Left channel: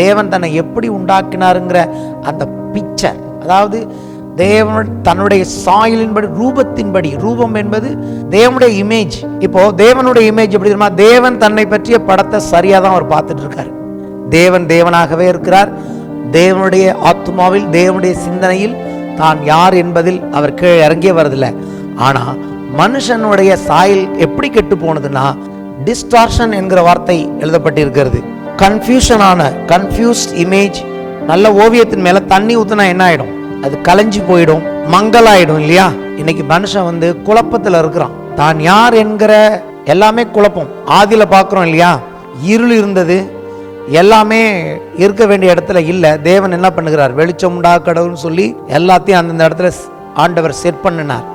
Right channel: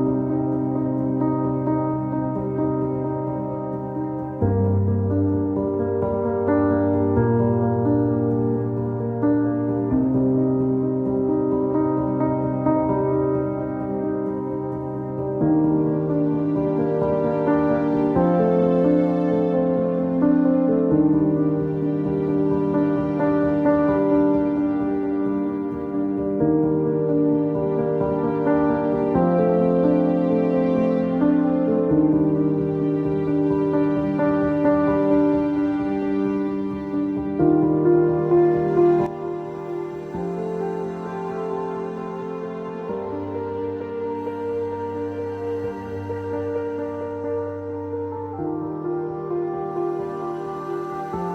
தேவன் தன்னை எப்படி உண்டாக்கினாருங்கிற அந்த பிக்சர், அதாவது தேவன் தன்னுடைய சாயலின்படி, ரூபத்தின்படி, ரூபம் என்பது தேவனுடைய இமேஜ். இப்போ தேவனுடைய இமேஜ் எப்படி தெரியுமா? தேவன் தன்னை பற்றிய படத்தை சரியா தான் அவர் பார்த்துட்டு இருக்காரு. தேவன் தேவனாகவே இருக்கிறார். தேவனுடைய ஆத்மாவில், தேவனுடைய சிந்தனையில் தான் யார் என்பதில் அவர் கீழே இறங்கியே வரதில்லை. ஆனா மனுஷனுடைய சாயல் எப்படி கெட்டு போனதுன்னா, டிஸ்டார்ஷன் என்கிற வார்த்தை எழுதப்பட்டிருக்கிறது. Confused image. நல்ல ஓவியத்தின் மேல தண்ணி ஊத்துனா என்ன ஆயிடும்? அது கலைஞ்சு போயிடும், மங்கலாயிடும் இல்லையா? இன்னைக்கு மனுஷன் குழப்பத்துல இருக்கிறான். தான் யார் என்கிற எல்லாமே குழப்பம். ஆதியில பாக்குறோம் இல்லையா? இருள் இருந்தது, எல்லாமே இருக்க வேண்டிய இடத்துல இல்ல. தேவன் என்ன பண்ணுகிறார்? வெளிச்சம் உண்டா கடவுள்னு சொல்லி எல்லாத்தையும் அந்தந்த இடத்துல ஆண்டவர் செட் பண்ணினார்.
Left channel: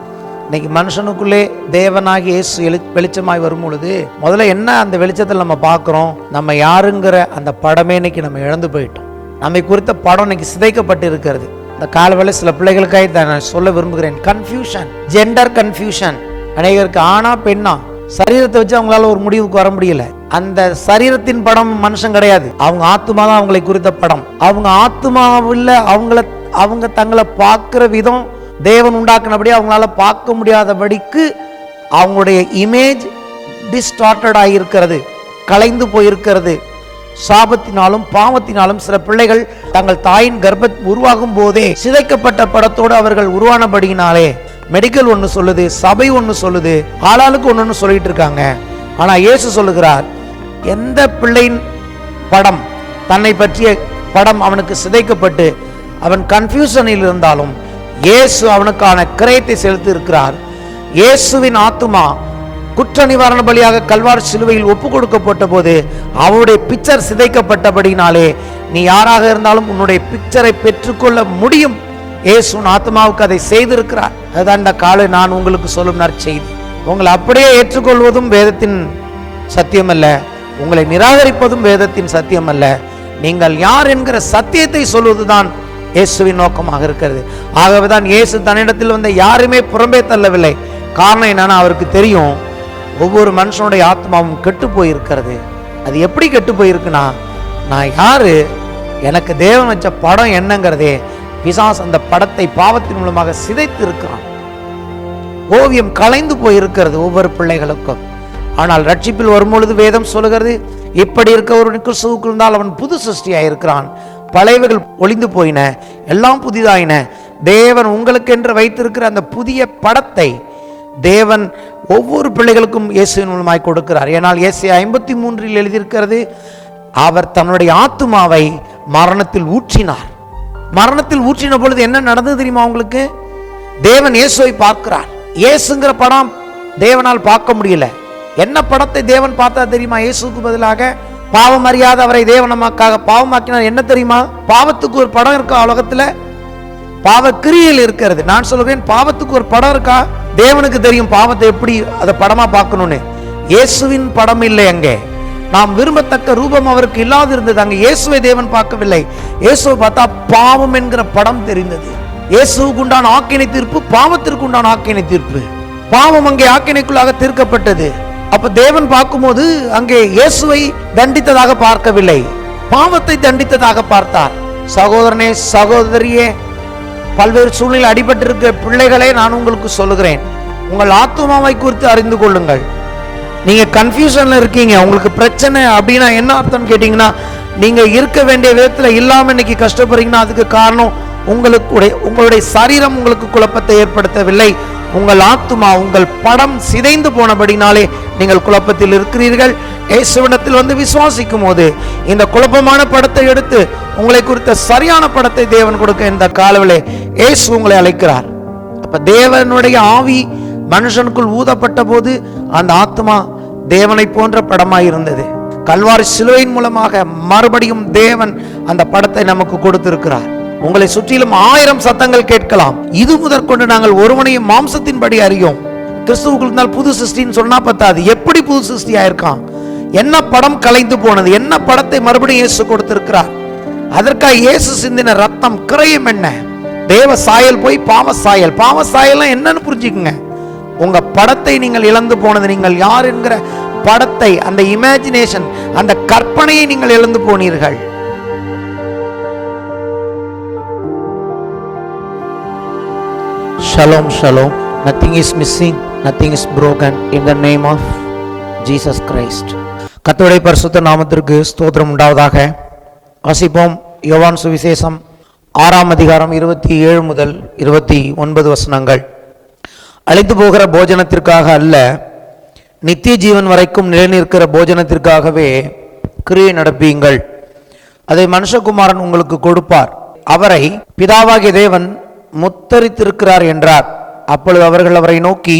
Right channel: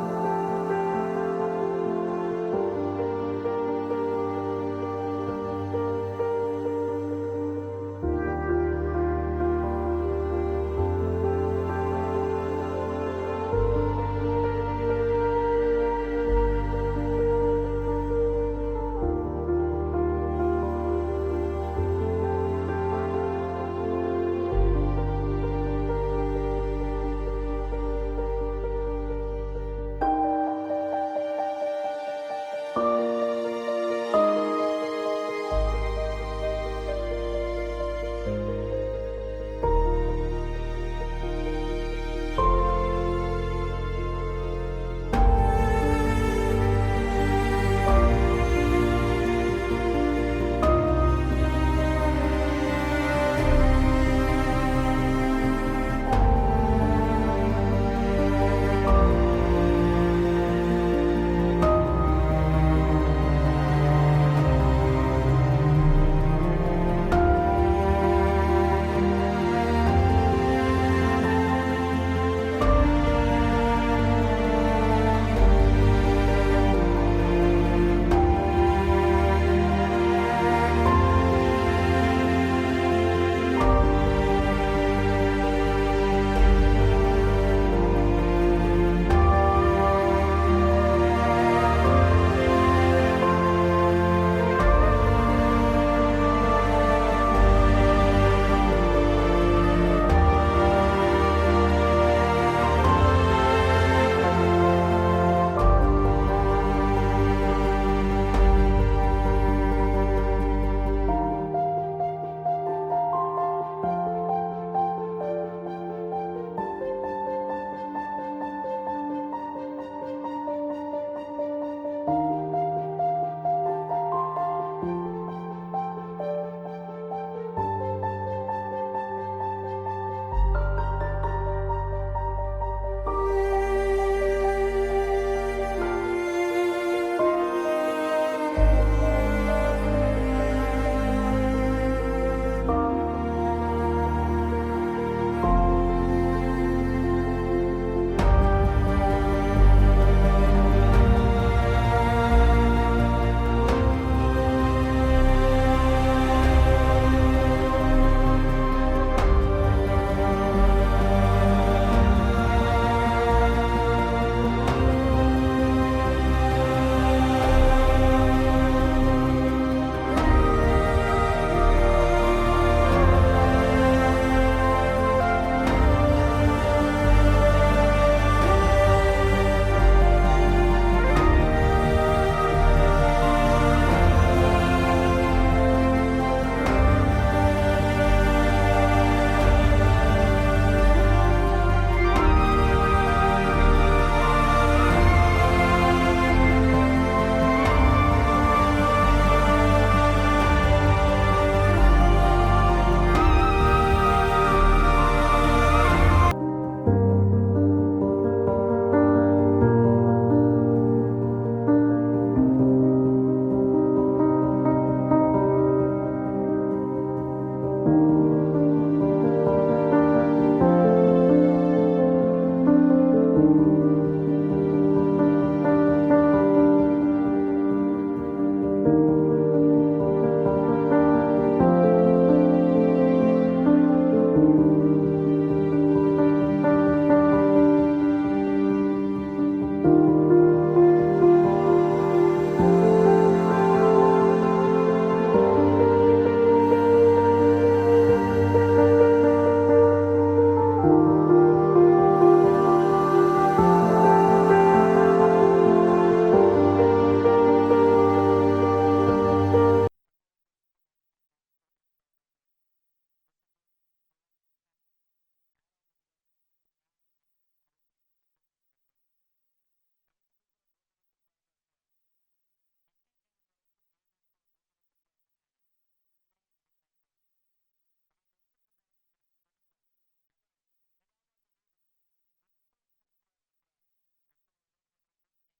இன்னைக்கு மனுஷனுக்குள்ளே தேவனாகி இயேசு வெளிச்சமாய் வரும் பொழுது முதல்ல என்ன அந்த வெளிச்சத்தில் நம்ம பார்க்கிறோம்? நம்ம யாருங்கிற அந்த படமே இன்னைக்கு நம்ம இழந்து போயிட்டோம். நம்மை குறித்த படம் இன்னைக்கு சிதைக்கப்பட்டு இருக்கிறது. இந்த காலவேளை சில பிள்ளைகளுக்காக நான் சொல்ல விரும்புகிறேன். Confusion, gender confusion. அநேகருக்கு ஆனா பெண்ணா, சரீரத்தை வச்சு அவங்களால ஒரு முடிவுக்கு வர முடியல. அந்த சரீரத்தின் படம் மனுஷன் கிடையாது, அவங்க ஆத்மா தான் அவங்களை குறித்த படம். அவங்க ஆத்மாவில் அவங்க தங்களை பார்க்கிற விதம் தேவன் உண்டாக்குனபடி அவங்களால பார்க்க முடியாதபடிக்கு அவங்களுடைய இமேஜ் டிஸ்டார்டட் ஆகியிருக்கிறது, கலைந்து போயிருக்கிறது. சாபத்தினாலும் பாவத்தினாலும் சில பிள்ளைகள் தங்கள் தாயின் கர்ப்ப உருவாகும் போதே சிதைக்கப்பட்ட படத்தோடு அவர்கள் உருவானபடியினாலே மெடிக்கல் ஒன்று சொல்லுது, சபை ஒன்று சொல்லுது, ஆளாளுக்கு ஒன்று சொல்லிட்டு இருக்காங்க. ஆனா இயேசு சொல்லுகிறார், எந்த பிள்ளையின் படம், தன்னை பற்றிய படம் அவனுக்கு சிதைக்கப்பட்டு அவன் கன்ஃபியூஷனில் இருந்தாலும் இயேசு அவனுக்கான கிரயத்தை செலுத்தி இருக்கிறார். இயேசுவின் ஆத்துமா குற்ற நிவாரண பலியாக கல்வாரி சிலுவையில் ஒப்பு கொடுக்கப்பட்ட போது அவருடைய பிக்சர் சிதைக்கப்பட்டபடினாலே நீ யாராக இருந்தாலும் உன்னுடைய பிக்சரை பெற்றுக்கொள்ள முடியும். இயேசுவின் ஆத்மாவுக்கு அதை செய்திருக்கிறார். அதுதான் இந்த காலை நான் உங்களுக்கு சொல்லும் நற்செய்தி. உங்களை அப்படியே ஏற்றுக்கொள்வதும் வேதத்தின் சத்தியம் அல்ல, உங்களை நிராகரிப்பதும் வேதத்தின் சத்தியம் அல்ல. நீங்கள் யார் என்கிற சத்தியத்தை சொல்வதுதான் இயேசுவின் நோக்கமாக இருக்கிறது. ஆகவேதான் இயேசு தன்னிடத்தில் வந்த யாருமே புறம்பே தள்ளவில்லை. காரணம் என்னன்னா, அவருக்கு தெரியும் ஒவ்வொரு மனுஷனுடைய ஆத்மாவும் கெட்டு போயிருக்கிறது. அது எப்படி கெட்டு போயிருக்குன்னா, நான் யாரு, எனக்கு தேவன் வச்ச படம் என்னங்கிறதே பிசாசு அந்த படத்தை பாவத்தின் மூலமாக சிதைத்து இருக்கிறான். ஓவியம் கலைந்து போயிருக்கிறது ஒவ்வொரு பிள்ளைகளுக்கும். ஆனால் ரட்சிப்பில் வரும்பொழுது வேதம் சொல்லுகிறது, இப்படி இருக்கவனுக்கு கிறிஸ்துவுக்குள் இருந்தால் அவன் புது சிருஷ்டியாயிருக்கிறான், பழையவைகள் ஒளிந்து போயின, எல்லாம் புதிதாயின. தேவன் உங்களுக்கு என்று வைத்திருக்கிற அந்த புதிய படத்தை தேவன் ஒவ்வொரு பிள்ளைகளுக்கும் இயேசுவின் மூலமாய் கொடுக்கிறார். ஏனால் ஏசாயா 53 எழுதியிருக்கிறது, அவர் தன்னுடைய ஆத்துமாவை மரணத்தில் ஊற்றினார். மரணத்தில் ஊற்றின பொழுது என்ன நடந்தது தெரியுமா உங்களுக்கு? தேவன் இயேசுவை பார்க்கிறார். இயேசுங்கிற படம் தேவனால் பார்க்க முடியல. என்ன படத்தை தேவன் பார்த்தா தெரியுமா? இயேசுக்கு பதிலாக பாவம் அறியாத அவரை தேவன் நமக்காக பாவமாக்கினார். என்ன தெரியுமா? பாவத்துக்கு ஒரு படம் இருக்கா உலகத்துல? பாவ கிரியையில் இருக்கிறது. நான் சொல்லுவேன், பாவத்துக்கு ஒரு படம் இருக்கா? தேவனுக்கு தெரியும் பாவத்தை எப்படி அதை படமா பார்க்கணும்னு. இயேசுவின் படம் இல்லை அங்கே. நாம் விரும்பத்தக்க ரூபம் அவருக்கு இல்லாது இருந்தது. அங்கே இயேசுவை தேவன் பார்க்கவில்லை. இயேசுவை பார்த்தா பாவம் என்கிற படம் தெரிந்தது. இயேசுவுக்கு உண்டான ஆக்கினை தீர்ப்பு, பாவத்திற்கு உண்டான ஆக்கினை தீர்ப்பு. பாவம் அங்கே ஆக்கினைக்குள்ளாக தீர்க்கப்பட்டது. அப்ப தேவன் பார்க்கும்போது அங்கே இயேசுவை தண்டித்ததாக பார்க்கவில்லை, பாவத்தை தண்டித்ததாக பார்த்தார். சகோதரனே, சகோதரியே, பல்வேறு சூழ்நிலை அடிபட்டிருக்கிற பிள்ளைகளே, நான் உங்களுக்கு சொல்லுகிறேன், உங்கள் ஆத்துமாவை குறித்து அறிந்து கொள்ளுங்கள். நீங்க கன்ஃபியூஷன்ல இருக்கீங்க, உங்களுக்கு பிரச்சனை அப்படின்னா என்ன அர்த்தம் கேட்டீங்கன்னா, நீங்க இருக்க வேண்டிய விதத்துல இல்லாம இன்னைக்கு கஷ்டப்படுறீங்கன்னா அதுக்கு காரணம் உங்களுடைய சரீரம் உங்களுக்கு குழப்பத்தை ஏற்படுத்தவில்லை. உங்கள் ஆத்துமா, உங்கள் படம் சிதைந்து போனபடினாலே நீங்கள் குழப்பத்தில் இருக்கிறீர்கள். இயேசுவிடத்தில் வந்து விசுவாசிக்கும் போது இந்த குழப்பமான படத்தை எடுத்து உங்களை குறித்த சரியான படத்தை தேவன் கொடுக்க இந்த காலவிலே இயேசு உங்களை அழைக்கிறார். அப்ப தேவனுடைய ஆவி மனுஷனுக்குள் ஊதப்பட்ட போது அந்த ஆத்மா தேவனை போன்ற படமாய் இருந்தது. கல்வாரி சிலுவையின் மூலமாக மறுபடியும் தேவன் அந்த படத்தை நமக்கு கொடுத்திருக்கிறார். உங்களை சுற்றிலும் 1000 சத்தங்கள் கேட்கலாம். இது முதற்கொண்டு நாங்கள் ஒருவனையும் மாம்சத்தின்படி அறியோம். கிறிஸ்துவுக்குள் இருந்தால் புது சிருஷ்டின்னு சொன்னா பத்தாது. எப்படி புது சிருஷ்டி ஆயிருக்கான்? என்ன படம் கலைந்து போனது? என்ன படத்தை மறுபடியும் இயேசு கொடுத்திருக்கிறார்? அதற்காக இயேசு சிந்தின ரத்தம் கிரயம் என்ன? தேவ சாயல் போய் பாவ சாயல். பாவ சாயல் என்னன்னு புரிஞ்சுக்குங்க. உங்க படத்தை நீங்கள் இழந்து போனது, நீங்கள் யார் என்கிற படத்தை, அந்த இமேஜினேஷன், அந்த கற்பனையை நீங்கள் இழந்து போனீர்கள். Shalom, shalom. Nothing is missing, nothing is broken in the name of Jesus Christ. கர்த்தருடைய பரிசுத்த நாமத்திற்கு ஸ்தோத்திரம் உண்டாவதாக. வாசிப்போம். யோவான் சுவிசேஷம் 6ஆம் அதிகாரம் 27 முதல் 29 வசனங்கள். அழிந்து போகிற போஜனத்திற்காக அல்ல, நித்திய ஜீவன் வரைக்கும் நிலைநிற்கிற போஜனத்திற்காகவே கிரியை நடப்பீங்கள். அதை மனுஷகுமாரன் உங்களுக்கு கொடுப்பார். அவரை பிதாவாகிய தேவன் முத்தரித்திருக்கிறார் என்றார். அப்பொழுது அவர்கள் அவரை நோக்கி,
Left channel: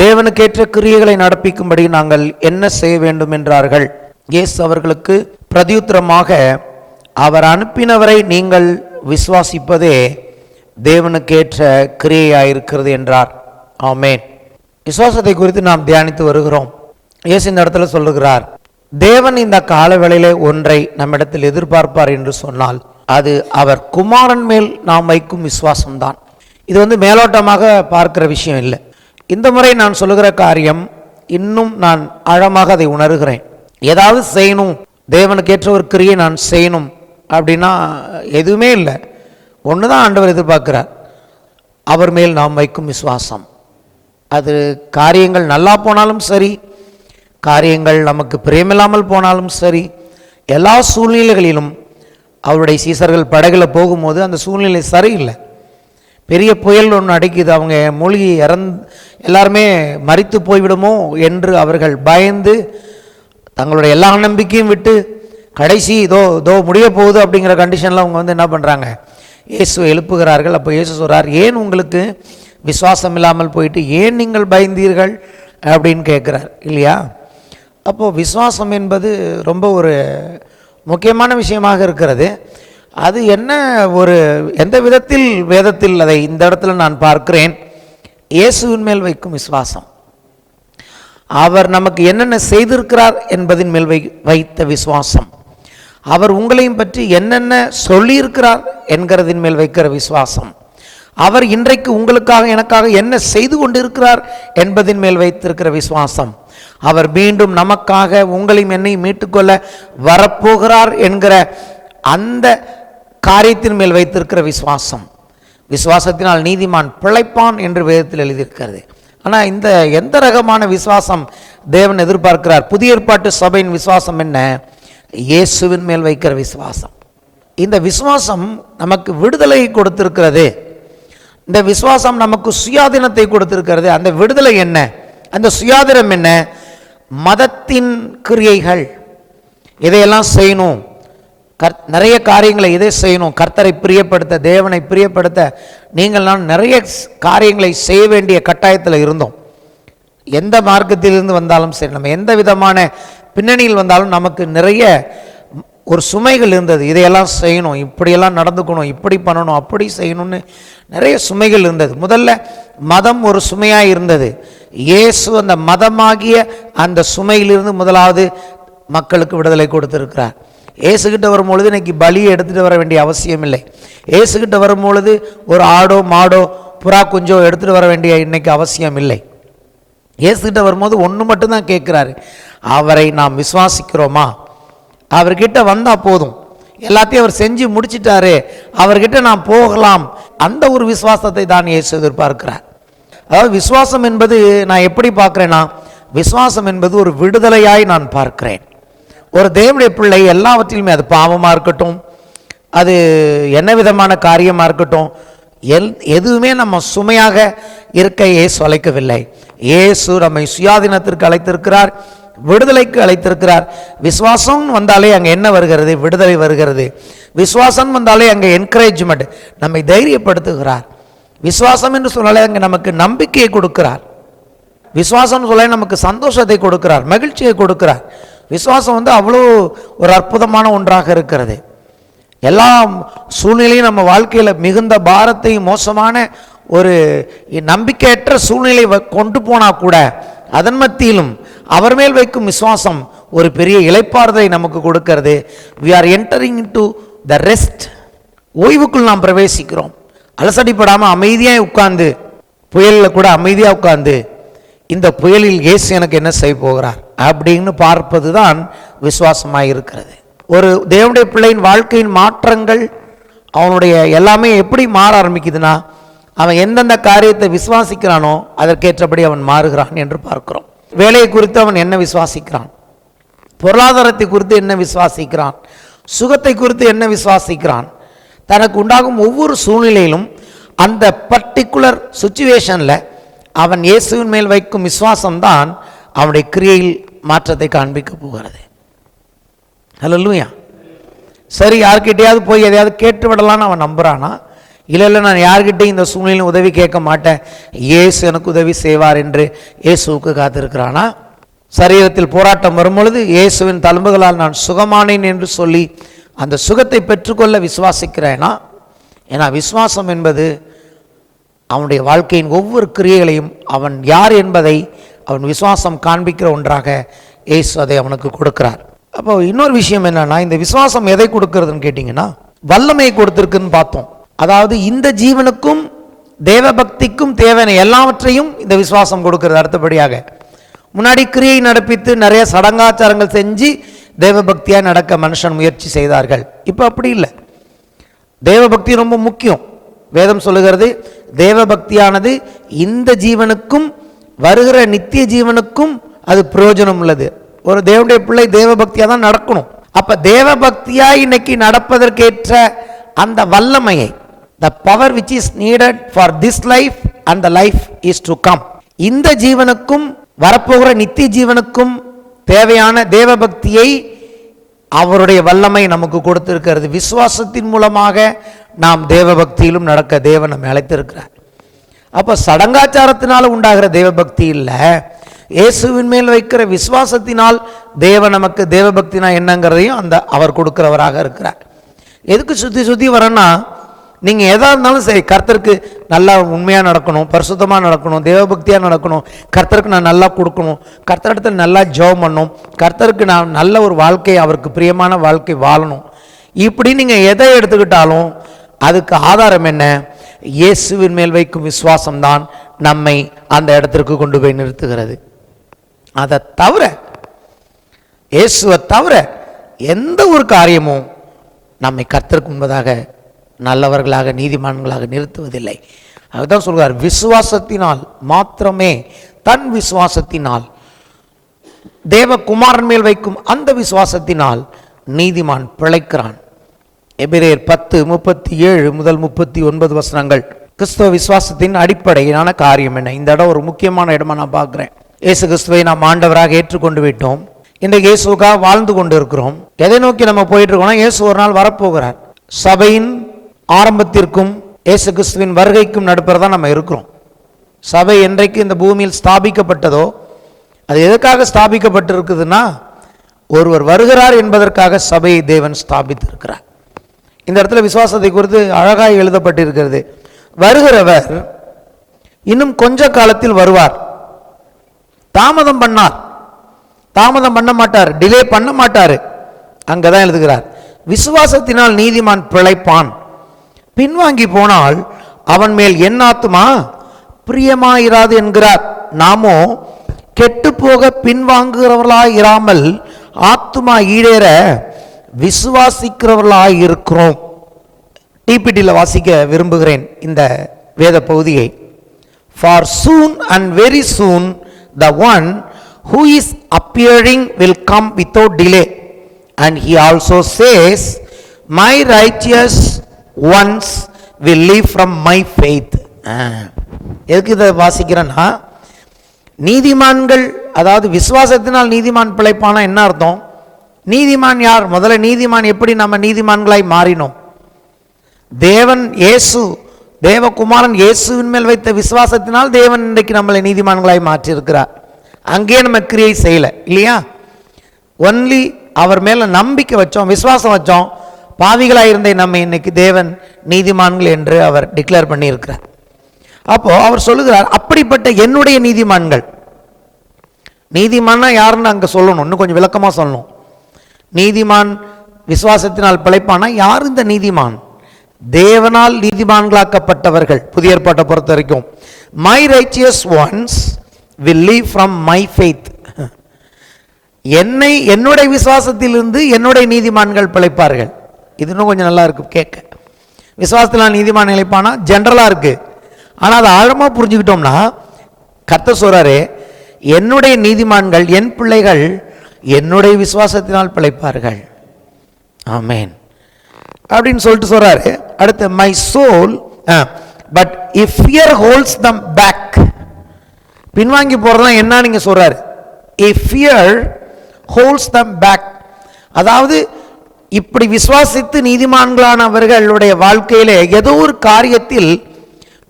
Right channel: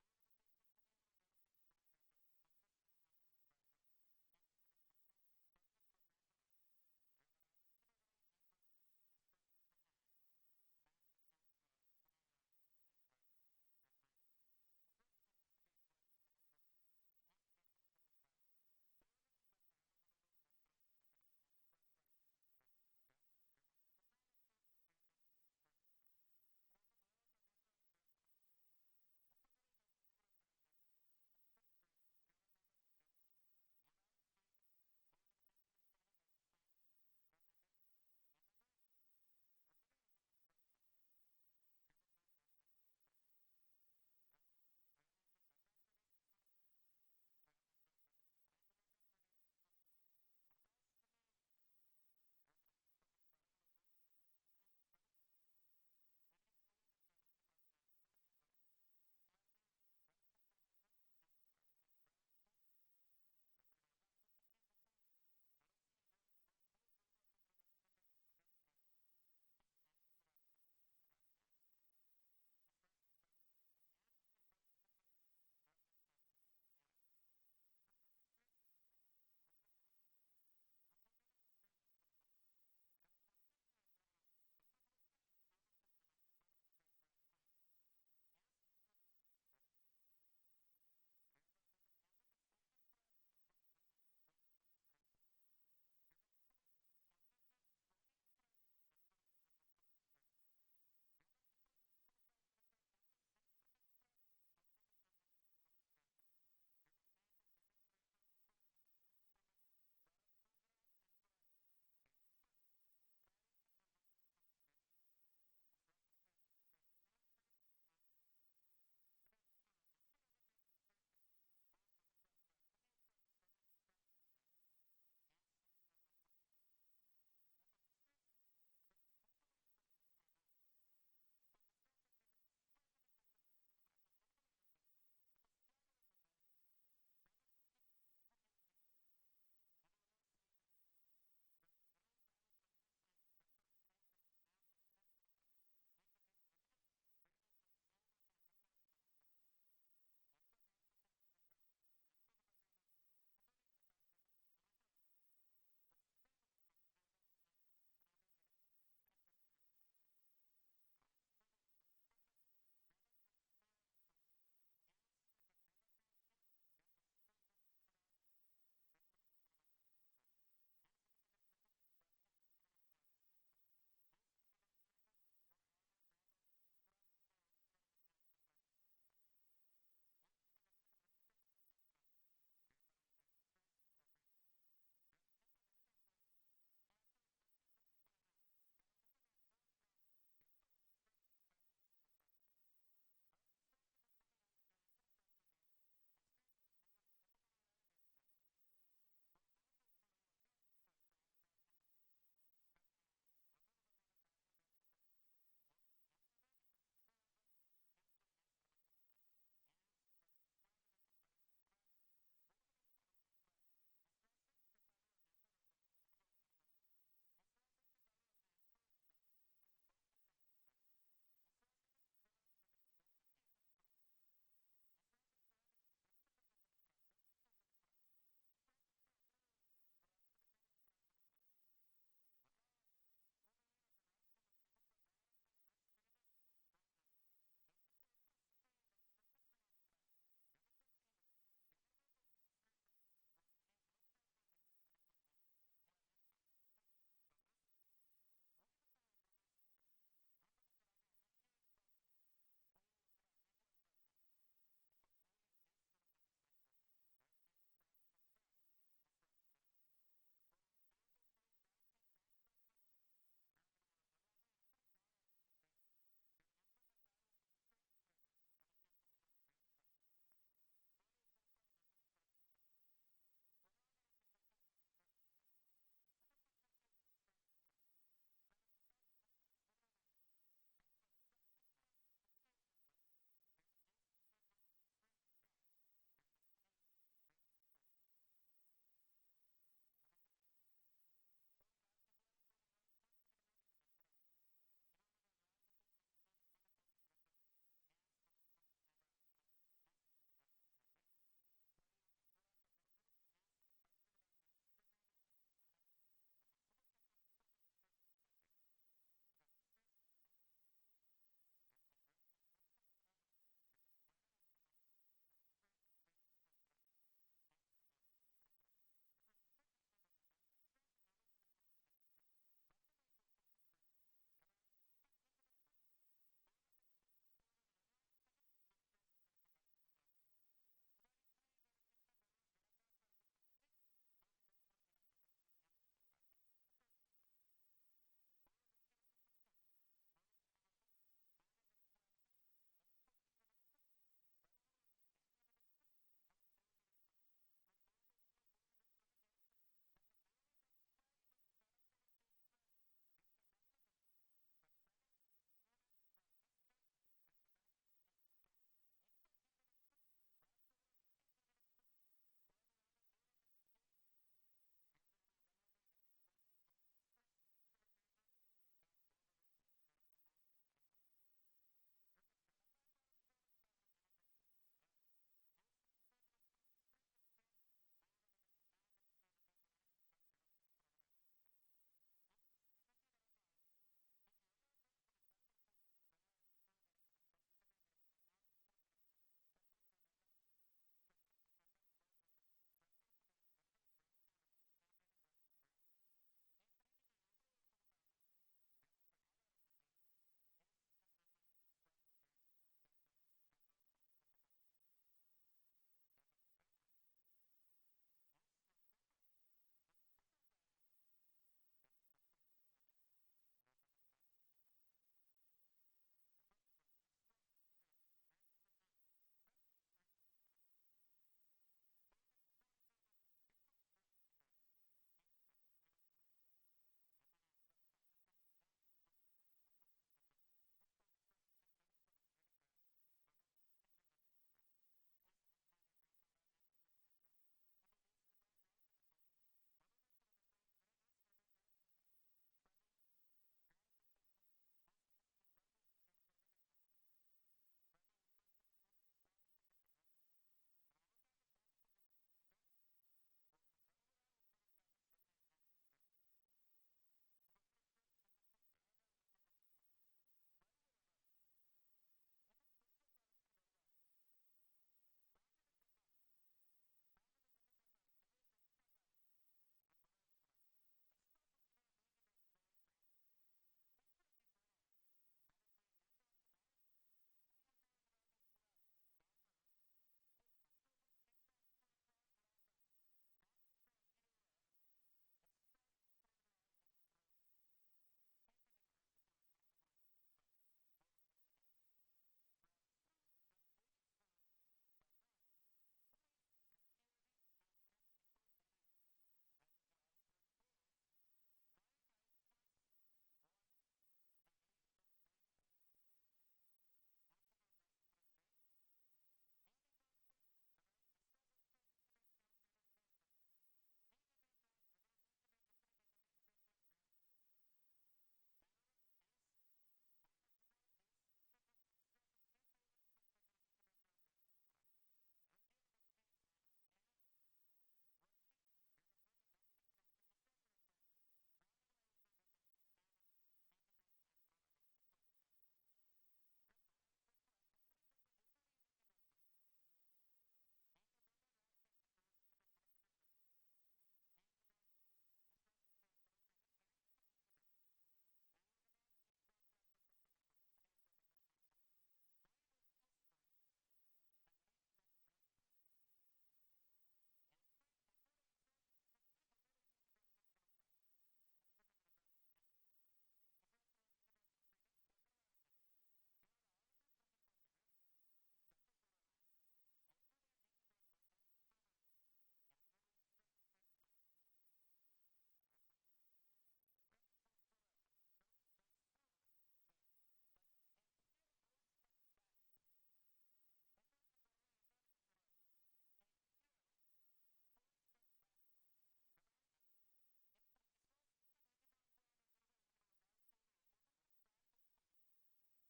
தேவனுக்கேற்ற கிரியைகளை நடப்பிக்கும்படி நாங்கள் என்ன செய்ய வேண்டும் என்றார்கள். இயேசு அவர்களுக்கு பிரதியுத்தரமாக, அவர் அனுப்பினவரை நீங்கள் விசுவாசிப்பதே தேவனுக்கேற்ற கிரியையாயிருக்கிறது என்றார். ஆமென். விசுவாசத்தை குறித்து நாம் தியானித்து வருகிறோம். இயேசு இந்த இடத்துல சொல்லுகிறார், தேவன் இந்த காலவேளையிலே ஒன்றை நம்மிடத்தில் எதிர்பார்ப்பார் என்று சொன்னால் அது அவர் குமாரன் மேல் நாம் வைக்கும் விசுவாசம்தான். இது மேலோட்டமாக பார்க்கிற விஷயம் இல்லை. இந்த முறை நான் சொல்லுகிற காரியம் இன்னும் நான் ஆழமாக அதை உணர்கிறேன். ஏதாவது செய்யணும், தேவனுக்கேற்ற ஒரு கிரியை நான் செய்யணும் அப்படின்னா எதுவுமே இல்லை. ஒன்று தான் ஆண்டவர் எதிர்பார்க்கிறார், அவர் மேல் நாம் வைக்கும் விசுவாசம். அது காரியங்கள் நல்லா போனாலும் சரி, காரியங்கள் நமக்கு பிரியமில்லாமல் போனாலும் சரி, எல்லா சூழ்நிலைகளிலும் அவருடைய சீசர்கள் படகுல போகும்போது அந்த சூழ்நிலை சரியில்லை. பெரிய புயல் ஒன்று அடிக்குது, அவங்க மூழ்கி எல்லாருமே மரித்து போய்விடுமோ என்று அவர்கள் பயந்து தங்களுடைய எல்லா நம்பிக்கையும் விட்டு கடைசி இதோ முடிய போகுது அப்படிங்கிற கண்டிஷனில் அவங்க என்ன பண்ணுறாங்க, இயேசுவை எழுப்புகிறார்கள். அப்போ இயேசு சொல்கிறார், ஏன் உங்களுக்கு விசுவாசம் இல்லாமல் போயிட்டு ஏன் நீங்கள் பயந்தீர்கள் அப்படின்னு கேட்குறார் இல்லையா. அப்போது விசுவாசம் என்பது ரொம்ப ஒரு முக்கியமான விஷயமாக இருக்கிறது. அது என்ன, எந்த விதத்தில் வேதத்தில் அதை இந்த இடத்துல நான் பார்க்கிறேன், இயேசுவின் மேல் வைக்கும் விசுவாசம். அவர் நமக்கு என்னென்ன செய்திருக்கிறார் என்பதின் மேல் வைத்த விசுவாசம். அவர் உங்களையும் பற்றி என்னென்ன சொல்லியிருக்கிறார் என்கிறதின் மேல் வைக்கிற விசுவாசம். அவர் இன்றைக்கு உங்களுக்காக எனக்காக என்ன செய்து கொண்டிருக்கிறார் என்பதின் மேல் வைத்திருக்கிற விசுவாசம். அவர் மீண்டும் நமக்காக உங்களையும் என்னையும் மீட்டுக்கொள்ள வரப்போகிறார் என்கிற அந்த காரியத்தின் மேல் வைத்திருக்கிற விசுவாசம். விசுவாசத்தினால் நீதிமான் பிழைப்பான் என்று வேதத்தில் எழுதியிருக்கிறது. ஆனால் இந்த எந்த ரகமான விசுவாசம் தேவன் எதிர்பார்க்கிறார்? புதிய ஏற்பாட்டு சபையின் விசுவாசம் என்ன? இயேசுவின் மேல் வைக்கிற விசுவாசம். இந்த விசுவாசம் நமக்கு விடுதலை கொடுத்திருக்கிறது. இந்த விசுவாசம் நமக்கு சுயாதீனத்தை கொடுத்திருக்கிறது. அந்த விடுதலை என்ன, அந்த சுயாதீனம் என்ன? மதத்தின் கிரியைகள், இதையெல்லாம் செய்யணும், நிறைய காரியங்களை இதை செய்யணும், கர்த்தரை பிரியப்படுத்த, தேவனை பிரியப்படுத்த நீங்கள் நான் நிறைய காரியங்களை செய்ய வேண்டிய கட்டாயத்தில் இருந்தோம். எந்த மார்க்கத்திலிருந்து வந்தாலும் சரி, நம்ம எந்த விதமான பின்னணியில் வந்தாலும் நமக்கு நிறைய ஒரு சுமைகள் இருந்தது. இதையெல்லாம் செய்யணும், இப்படியெல்லாம் நடந்துக்கணும், இப்படி பண்ணணும், அப்படி செய்யணும்னு நிறைய சுமைகள் இருந்தது. முதல்ல மதம் ஒரு சுமையாக இருந்தது. இயேசு அந்த மதமாகிய அந்த சுமையிலிருந்து முதலாவது மக்களுக்கு விடுதலை கொடுத்திருக்கிறார். இயேசுகிட்ட வரும்பொழுது இன்னைக்கு பலியை எடுத்துகிட்டு வர வேண்டிய அவசியம் இல்லை. இயேசுகிட்ட வரும்பொழுது ஒரு ஆடோ மாடோ புறா குஞ்சோ எடுத்துகிட்டு வர வேண்டிய இன்னைக்கு அவசியம் இல்லை. இயேசுகிட்ட வரும்போது ஒன்று மட்டும்தான் கேட்குறாரு, அவரை நாம் விசுவாசிக்கிறோமா? அவர்கிட்ட வந்தால் போதும், எல்லாத்தையும் அவர் செஞ்சு முடிச்சிட்டாரு, அவர்கிட்ட நாம் போகலாம். அந்த ஒரு விசுவாசத்தை தான் இயேசு எதிர்பார்க்கிறார். அதாவது விசுவாசம் என்பது நான் எப்படி பார்க்குறேன்னா, விசுவாசம் என்பது ஒரு விடுதலையாய் நான் பார்க்கிறேன். ஒரு தேவனுடைய பிள்ளை எல்லாவற்றிலுமே, அது பாவமாக இருக்கட்டும், அது என்ன விதமான காரியமாக இருக்கட்டும், எதுவுமே நம்ம சுமையாக இருக்க இயேசு அழைக்கவில்லை. இயேசு நம்மை சுயாதீனத்திற்கு அழைத்திருக்கிறார், விடுதலைக்கு அழைத்திருக்கிறார். விசுவாசம் வந்தாலே அங்கே என்ன வருகிறது? விடுதலை வருகிறது. விசுவாசம் வந்தாலே அங்கே என்கரேஜ்மெண்ட், நம்மை தைரியப்படுத்துகிறார். விசுவாசம் என்று சொன்னாலே அங்கே நமக்கு நம்பிக்கையை கொடுக்கிறார். விசுவாசம் சொல்ல நமக்கு சந்தோஷத்தை கொடுக்கிறார், மகிழ்ச்சியை கொடுக்கிறார். விசுவாசம் அவ்வளோ ஒரு அற்புதமான ஒன்றாக இருக்கிறது. எல்லா சூழ்நிலையும் நம்ம வாழ்க்கையில் மிகுந்த பாரத்தையும் மோசமான ஒரு நம்பிக்கையற்ற சூழ்நிலை கொண்டு போனால் கூட அதன் மத்தியிலும் அவர் மேல் வைக்கும் விசுவாசம் ஒரு பெரிய இளைப்பாறுதலை நமக்கு கொடுக்கிறது. we are entering into the rest. ஓய்வுக்குள் நாம் பிரவேசிக்கிறோம். அலசடிப்படாமல் அமைதியாக உட்கார்ந்து, புயலில் கூட அமைதியாக உட்கார்ந்து, இந்த புயலில் இயேசு எனக்கு என்ன செய்ய போகிறார் அப்படின்னு பார்ப்பது தான் விசுவாசமாக இருக்கிறது. ஒரு தேவனுடைய பிள்ளையின் வாழ்க்கையின் மாற்றங்கள், அவனுடைய எல்லாமே எப்படி மாற ஆரம்பிக்குதுன்னா, அவன் எந்தெந்த காரியத்தை விசுவாசிக்கிறானோ அதற்கேற்றபடி அவன் மாறுகிறான் என்று பார்க்கிறோம். வேலையை குறித்து அவன் என்ன விசுவாசிக்கிறான், பொருளாதாரத்தை குறித்து என்ன விசுவாசிக்கிறான், சுகத்தை குறித்து என்ன விசுவாசிக்கிறான், தனக்கு உண்டாகும் ஒவ்வொரு சூழ்நிலையிலும் அந்த பர்டிகுலர் சுச்சுவேஷனில் அவன் இயேசுவின் மேல் வைக்கும் விசுவாசம்தான் அவனுடைய கிரியையில் மாற்றத்தை காண்பிக்க போகிறது. ஹல்லேலூயா. சரி, யார்கிட்டையாவது போய் எதையாவது கேட்டு விடலான்னு அவன் நம்புறானா? இல்லை நான் யார்கிட்டையும் இந்த சூழ்நிலையில் உதவி கேட்க மாட்டேன், இயேசு எனக்கு உதவி செய்வார் என்று இயேசுவுக்கு காத்திருக்கிறானா? சரீரத்தில் போராட்டம் வரும்பொழுது இயேசுவின் தழும்புகளால் நான் சுகமானேன் என்று சொல்லி அந்த சுகத்தை பெற்றுக்கொள்ள விசுவாசிக்கிறேனா? ஏன்னா விசுவாசம் என்பது அவனுடைய வாழ்க்கையின் ஒவ்வொரு கிரியைகளையும் அவன் யார் என்பதை அவன் விசுவாசம் காண்பிக்கிற ஒன்றாக இயேசு அதை அவனுக்கு கொடுக்கிறார். அப்போ இன்னொரு விஷயம் என்னன்னா, இந்த விசுவாசம் எதை கொடுக்கிறதுன்னு கேட்டிங்கன்னா, வல்லமையை கொடுத்திருக்குன்னு பார்த்தோம். அதாவது இந்த ஜீவனுக்கும் தேவ பக்திக்கும் தேவையான எல்லாவற்றையும் இந்த விசுவாசம் கொடுக்கிறது. அடுத்தபடியாக முன்னாடி கிரியை நடப்பித்து நிறைய சடங்காச்சாரங்கள் செஞ்சு தேவ பக்தியாக நடக்க மனுஷன் முயற்சி செய்தார்கள். இப்போ அப்படி இல்லை. தேவ பக்தி ரொம்ப முக்கியம். வேதம் சொல்லுகிறது, தேவ பக்தியானது இந்த ஜீவனுக்கும் வருகிற நித்திய ஜீவனுக்கும் அது பிரயோஜனம் உள்ளது. ஒரு தேவனுடைய பிள்ளை தேவ பக்தியாக தான் நடக்கணும். அப்போ தேவ பக்தியாக இன்னைக்கு நடப்பதற்கேற்ற அந்த வல்லமையை, the power which is needed for this life and the life is to come, இந்த ஜீவனுக்கும் வரப்போகிற நித்திய ஜீவனுக்கும் தேவையான தேவ பக்தியை அவருடைய வல்லமை நமக்கு கொடுத்திருக்கிறது. விசுவாசத்தின் மூலமாக நாம் தேவ பக்தியிலும் நடக்க தேவன் நம்மை அழைத்திருக்கிறார். அப்போ சடங்காச்சாரத்தினால் உண்டாகிற தேவ பக்தி இல்லை, இயேசுவின் மேல் வைக்கிற விசுவாசத்தினால் தேவன் நமக்கு தேவ பக்தினா என்னங்கிறதையும் அந்த அவர் கொடுக்கிறவராக இருக்கிறார். எதுக்கு சுற்றி சுற்றி வரேன்னா, நீங்கள் எதாக இருந்தாலும் சரி, கர்த்தருக்கு நல்லா உண்மையாக நடக்கணும், பரிசுத்தமாக நடக்கணும், தேவபக்தியாக நடக்கணும், கர்த்தருக்கு நான் நல்லா கொடுக்கணும், கர்த்தரிடத்தில் நல்லா ஜெபம் பண்ணணும், கர்த்தருக்கு நான் நல்ல ஒரு வாழ்க்கை, அவருக்கு பிரியமான வாழ்க்கை வாழணும். இப்படி நீங்கள் எதை எடுத்துக்கிட்டாலும் அதுக்கு ஆதாரம் என்ன? இயேசுவின் மேல் வைக்கும் விசுவாசம்தான் நம்மை அந்த இடத்திற்கு கொண்டு போய் நிறுத்துகிறது. அதை தவிர, இயேசுவை தவிர எந்த ஒரு காரியமும் நம்மை கர்த்தருக்கு முன்பதாக நல்லவர்களாக நீதிமான்களாக நிறுத்துவதில்லை. அதுதான் சொல்கிறார், விசுவாசத்தினால் மாத்திரமே, தன் விசுவாசத்தினால், தேவகுமாரன் மேல் வைக்கும் அந்த விசுவாசத்தினால் நீதிமான் பிழைக்கிறான். எபிரேயர் 10:37 முதல் 39 வசனங்கள் கிறிஸ்தவ விசுவாசத்தின் அடிப்படையான காரியம் என்ன? இந்த இடம் ஒரு முக்கியமான இடமா நான் பார்க்குறேன். இயேசு கிறிஸ்துவை நாம் ஆண்டவராக ஏற்றுக்கொண்டு விட்டோம். இன்றைக்கு இயேசுக்காக வாழ்ந்து கொண்டு இருக்கிறோம். எதை நோக்கி நம்ம போயிட்டு இருக்கோம்னா, இயேசு ஒரு நாள் வரப்போகிறார். சபையின் ஆரம்பத்திற்கும் இயேசு கிறிஸ்துவின் வருகைக்கும் நடுப்புறதான் நம்ம இருக்கிறோம். சபை என்றைக்கு இந்த பூமியில் ஸ்தாபிக்கப்பட்டதோ, அது எதற்காக ஸ்தாபிக்கப்பட்டிருக்குதுன்னா, ஒருவர் வருகிறார் என்பதற்காக சபையை தேவன் ஸ்தாபித்திருக்கிறார். இந்த இடத்துல விசுவாசத்தை குறித்து அழகாய் எழுதப்பட்டிருக்கிறது. வருகிறவர் இன்னும் கொஞ்ச காலத்தில் வருவார். தாமதம் பண்ண மாட்டார், டிலே பண்ண மாட்டார். அங்கதான் எழுதுகிறார், விசுவாசத்தினால் நீதிமான் பிழைப்பான், பின்வாங்கி போனால் அவன் மேல் என் ஆத்துமா பிரியமாயிராது என்கிறார். நாமோ கெட்டு போக பின்வாங்குகிறவர்களாய் இராமல் ஆத்துமா ஈடேற விசுவாசிக்கிறவர்களாய் இருக்கிறோம். டிபிடியில் வாசிக்க விரும்புகிறேன் இந்த வேத பகுதியை. For soon and very soon the one who is appearing will come without delay, and he also says, my righteous ones will live from my faith. எதுக்கு இதை வாசிக்கிறேன்னா, நீதிமான்கள், அதாவது விசுவாசத்தினால் நீதிமான் பிழைப்பானா என்ன அர்த்தம்? நீதிமான் யார்? முதல்ல நீதிமான் எப்படி நம்ம நீதிமான்களாய் மாறினோம்? தேவன் இயேசு, தேவகுமாரன் இயேசுவின் மேல் வைத்த விசுவாசத்தினால் தேவன் இன்றைக்கு நம்மளை நீதிமான்களாய் மாற்றி இருக்கிறார். அங்கேயே நம்ம கிரியை செய்யலை இல்லையா? ஒன்லி அவர் மேல நம்பிக்கை வச்சோம், விசுவாசம் வச்சோம், பாவிகளாக இருந்த நம்ம இன்னைக்கு தேவன் நீதிமான்கள் என்று அவர் டிக்ளேர் பண்ணியிருக்கிறார். அப்போ அவர் சொல்லுகிறார், அப்படிப்பட்ட என்னுடைய நீதிமான்கள். நீதிமான்னா யாருன்னு அங்கே சொல்லணும், இன்னும் கொஞ்சம் விளக்கமாக சொல்லணும். நீதிமான் விசுவாசத்தினால் பிழைப்பானா யார் இந்த நீதிமான்? தேவனால் நீதிமான்களாக்கப்பட்டவர்கள். புதிய ஏற்பாட்டை பொறுத்த வரைக்கும் my righteous once will live from my faith. என்னுடைய விசுவாசத்திலிருந்து என்னுடைய நீதிமான்கள் பிழைப்பார்கள். இது இன்னும் கொஞ்சம் நல்லா இருக்கு கேட்க. விசுவாசத்தில் நீதிமான் நிலைப்பானா ஜென்ரலா இருக்கு. ஆனால் அதை ஆழமாக புரிஞ்சுக்கிட்டோம்னா கர்த்தர் சொல்றாரு, என்னுடைய நீதிமான்கள், என் பிள்ளைகள் என்னுடைய விசுவாசத்தினால் பிழைப்பார்கள். ஆமென் அப்படின்னு சொல்லிட்டு சொல்றாரு. அடுத்து my soul but if fear holds them back. பின்வாங்கி போறதுலாம் என்ன நீங்க சொல்றாரு? If fear holds them back, அதாவது இப்படி விசுவாசித்து நீதிமான்களானவர்களுடைய வாழ்க்கையிலே ஏதோ ஒரு காரியத்தில்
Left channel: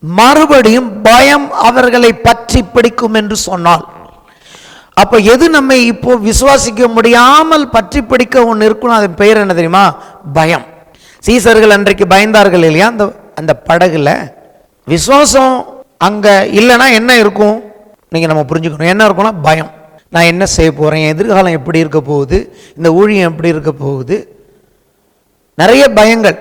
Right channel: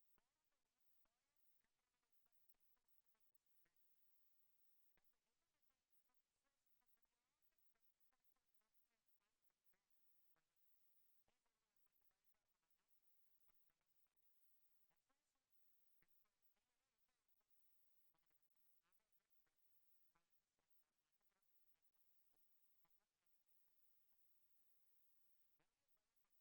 மறுபடியும் பயம் அவர்களை பற்றி பிடிக்கும் என்று சொன்னால், அப்ப எது நம்மை இப்போ விசுவாசிக்க முடியாமல் பற்றி பிடிக்க ஒன்று இருக்கணும். அதன் பெயர் என்ன தெரியுமா? பயம். சீசர்கள் அன்றைக்கு பயந்தார்கள் இல்லையா? அந்த படகுல விசுவாசம் அங்க இல்லைன்னா என்ன இருக்கும் நீங்க நம்ம புரிஞ்சுக்கணும். என்ன இருக்கும்னா பயம். நான் என்ன செய்ய போறேன், எதிர்காலம் எப்படி இருக்க போகுது, இந்த ஊழியம் எப்படி இருக்க போகுது, நிறைய பயங்கள்.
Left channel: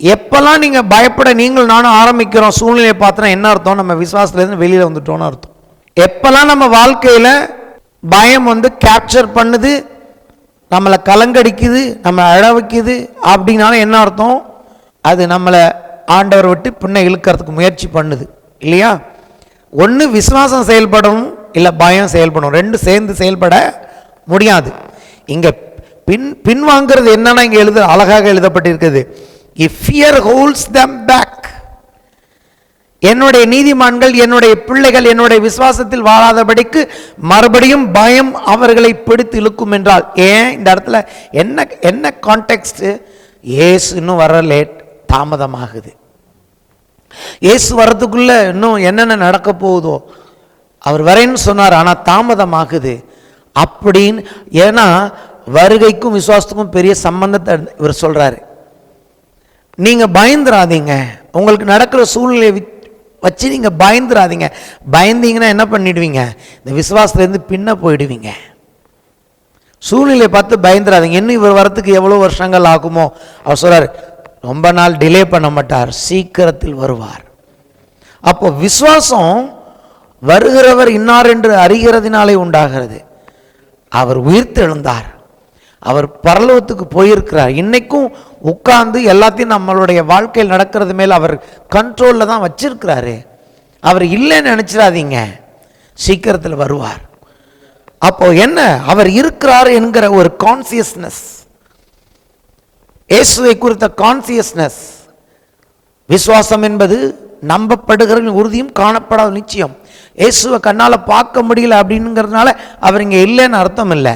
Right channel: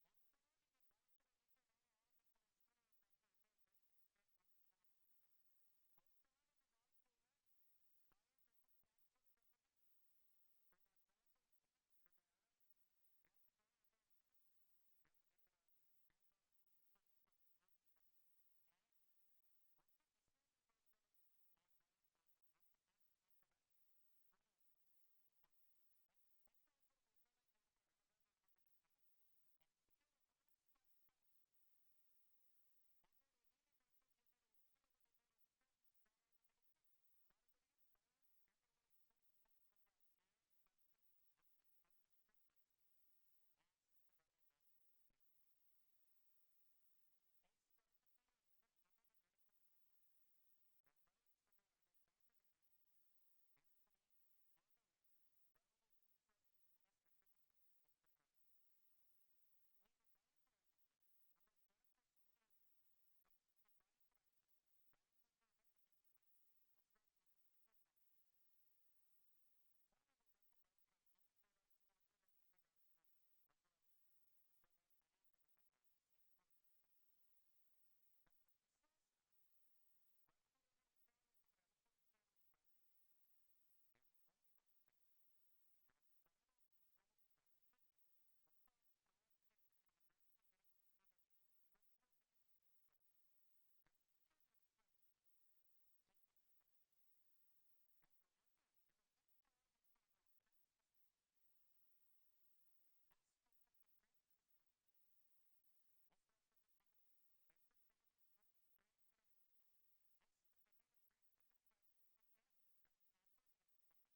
எப்பெல்லாம் நீங்க பயப்பட நீங்கள் நானும் ஆரம்பிக்கிறோம் சூழ்நிலையை பார்த்தோன்னா என்ன அர்த்தம்? நம்ம விசுவாசத்துலேருந்து வெளியில வந்துட்டோம்னு அர்த்தம். எப்பெல்லாம் நம்ம வாழ்க்கையில பயம் கேப்சர் பண்ணுது, நம்மளை கலங்கடிக்குது, நம்ம அழ வைக்குது அப்படின்னாலும் என்ன அர்த்தம்? அது நம்மளை ஆண்டவர் விட்டு பின்ன இழுக்கிறதுக்கு முயற்சி பண்ணுது இல்லையா? ஒன்று விசுவாசம் செயல்படணும், இல்லை பயம் செயல்படணும். ரெண்டு சேர்ந்து செயல்பட முடியாது. இங்க பின்வாங்கிறது என்னன்னா இங்க அழகாக எழுதப்பட்டிருக்குது, if fear holds them back. என்னுடைய நீதிமான்கள், என்னுடைய பிள்ளைகள் என்னுடைய விசுவாசத்தில் வாழாதபடிக்கு மறுபடியும் பயம் அவர்களை பிடித்து இழுக்கும் என்றால், ஏன் இந்த இடத்துல என்ன கான்டெக்ஸ்ட்? இயேசு இன்னும் வர லேட், தாமதமாகுது. இயேசு வர்றதுக்குள்ள இன்னும் என்னென்ன நடக்க போகுதோ, அவர் வரேன்னு சொன்னார், ஆனா தாமதமாகுது அப்படின்னு. ஏன்னா வருகைக்கும் விசுவாசத்துக்கும் பெரிய சம்பந்தத்தை இவர் சொல்றாரு. நீங்க பயந்துராதீங்க, உங்களுக்கு நடக்கிற சூழ்நிலையை வச்சு நீங்க பயந்துராதீங்க. பயந்தீங்கன்னா என்ன பண்ணிடுவீங்க? இந்த விசுவாசத்துலேருந்து பின்ன போயிடுவீங்க. சூழ்நிலையை பார்த்து பயந்துராதீங்க. இன்னும் இவர் வரத்துக்கு எவ்வளோ வருஷங்கள் ஆகுமோ, அவர் சொல்றாரு ரொம்ப நாள் டிலே பண்ண மாட்டார், சீக்கிரத்தில் வருவார். அப்போ விசுவாசம் வருகிறவர் இன்னார் என்று அறிகிறதுனாலே உண்டாகிறது. அவர் உயிர்த்தெழுந்தார், அவர் பரலோகத்துக்கு போயிருக்கிறார். இன்னைக்கும் உட்கார்ந்து எல்லாத்தையும் நம்மளுடைய வாழ்க்கையில் நடக்கிறது மேல அவர் கண்ட்ரோல்ல தான் வச்சிருக்கிறாரு. அவர் இல்லைன்னு நினைச்சிடாதீங்க, சீக்கிரத்தில் வருவார். அப்போ என்ன, அவர் இருக்கிறார் என்கிற ஒரு கான்சியஸ்னஸ், இயேசுவை குறித்த கான்சியஸ்னஸ். விசுவாசம் என்பது நம்பப்படுகிற உறுதியும் காணப்படாத நிச்சயம். இயேசுவை கண்ணால பார்க்க முடியல அப்படிங்கிறதுனால அவர் இங்க இல்லைன்னு அர்த்தம் இல்லை,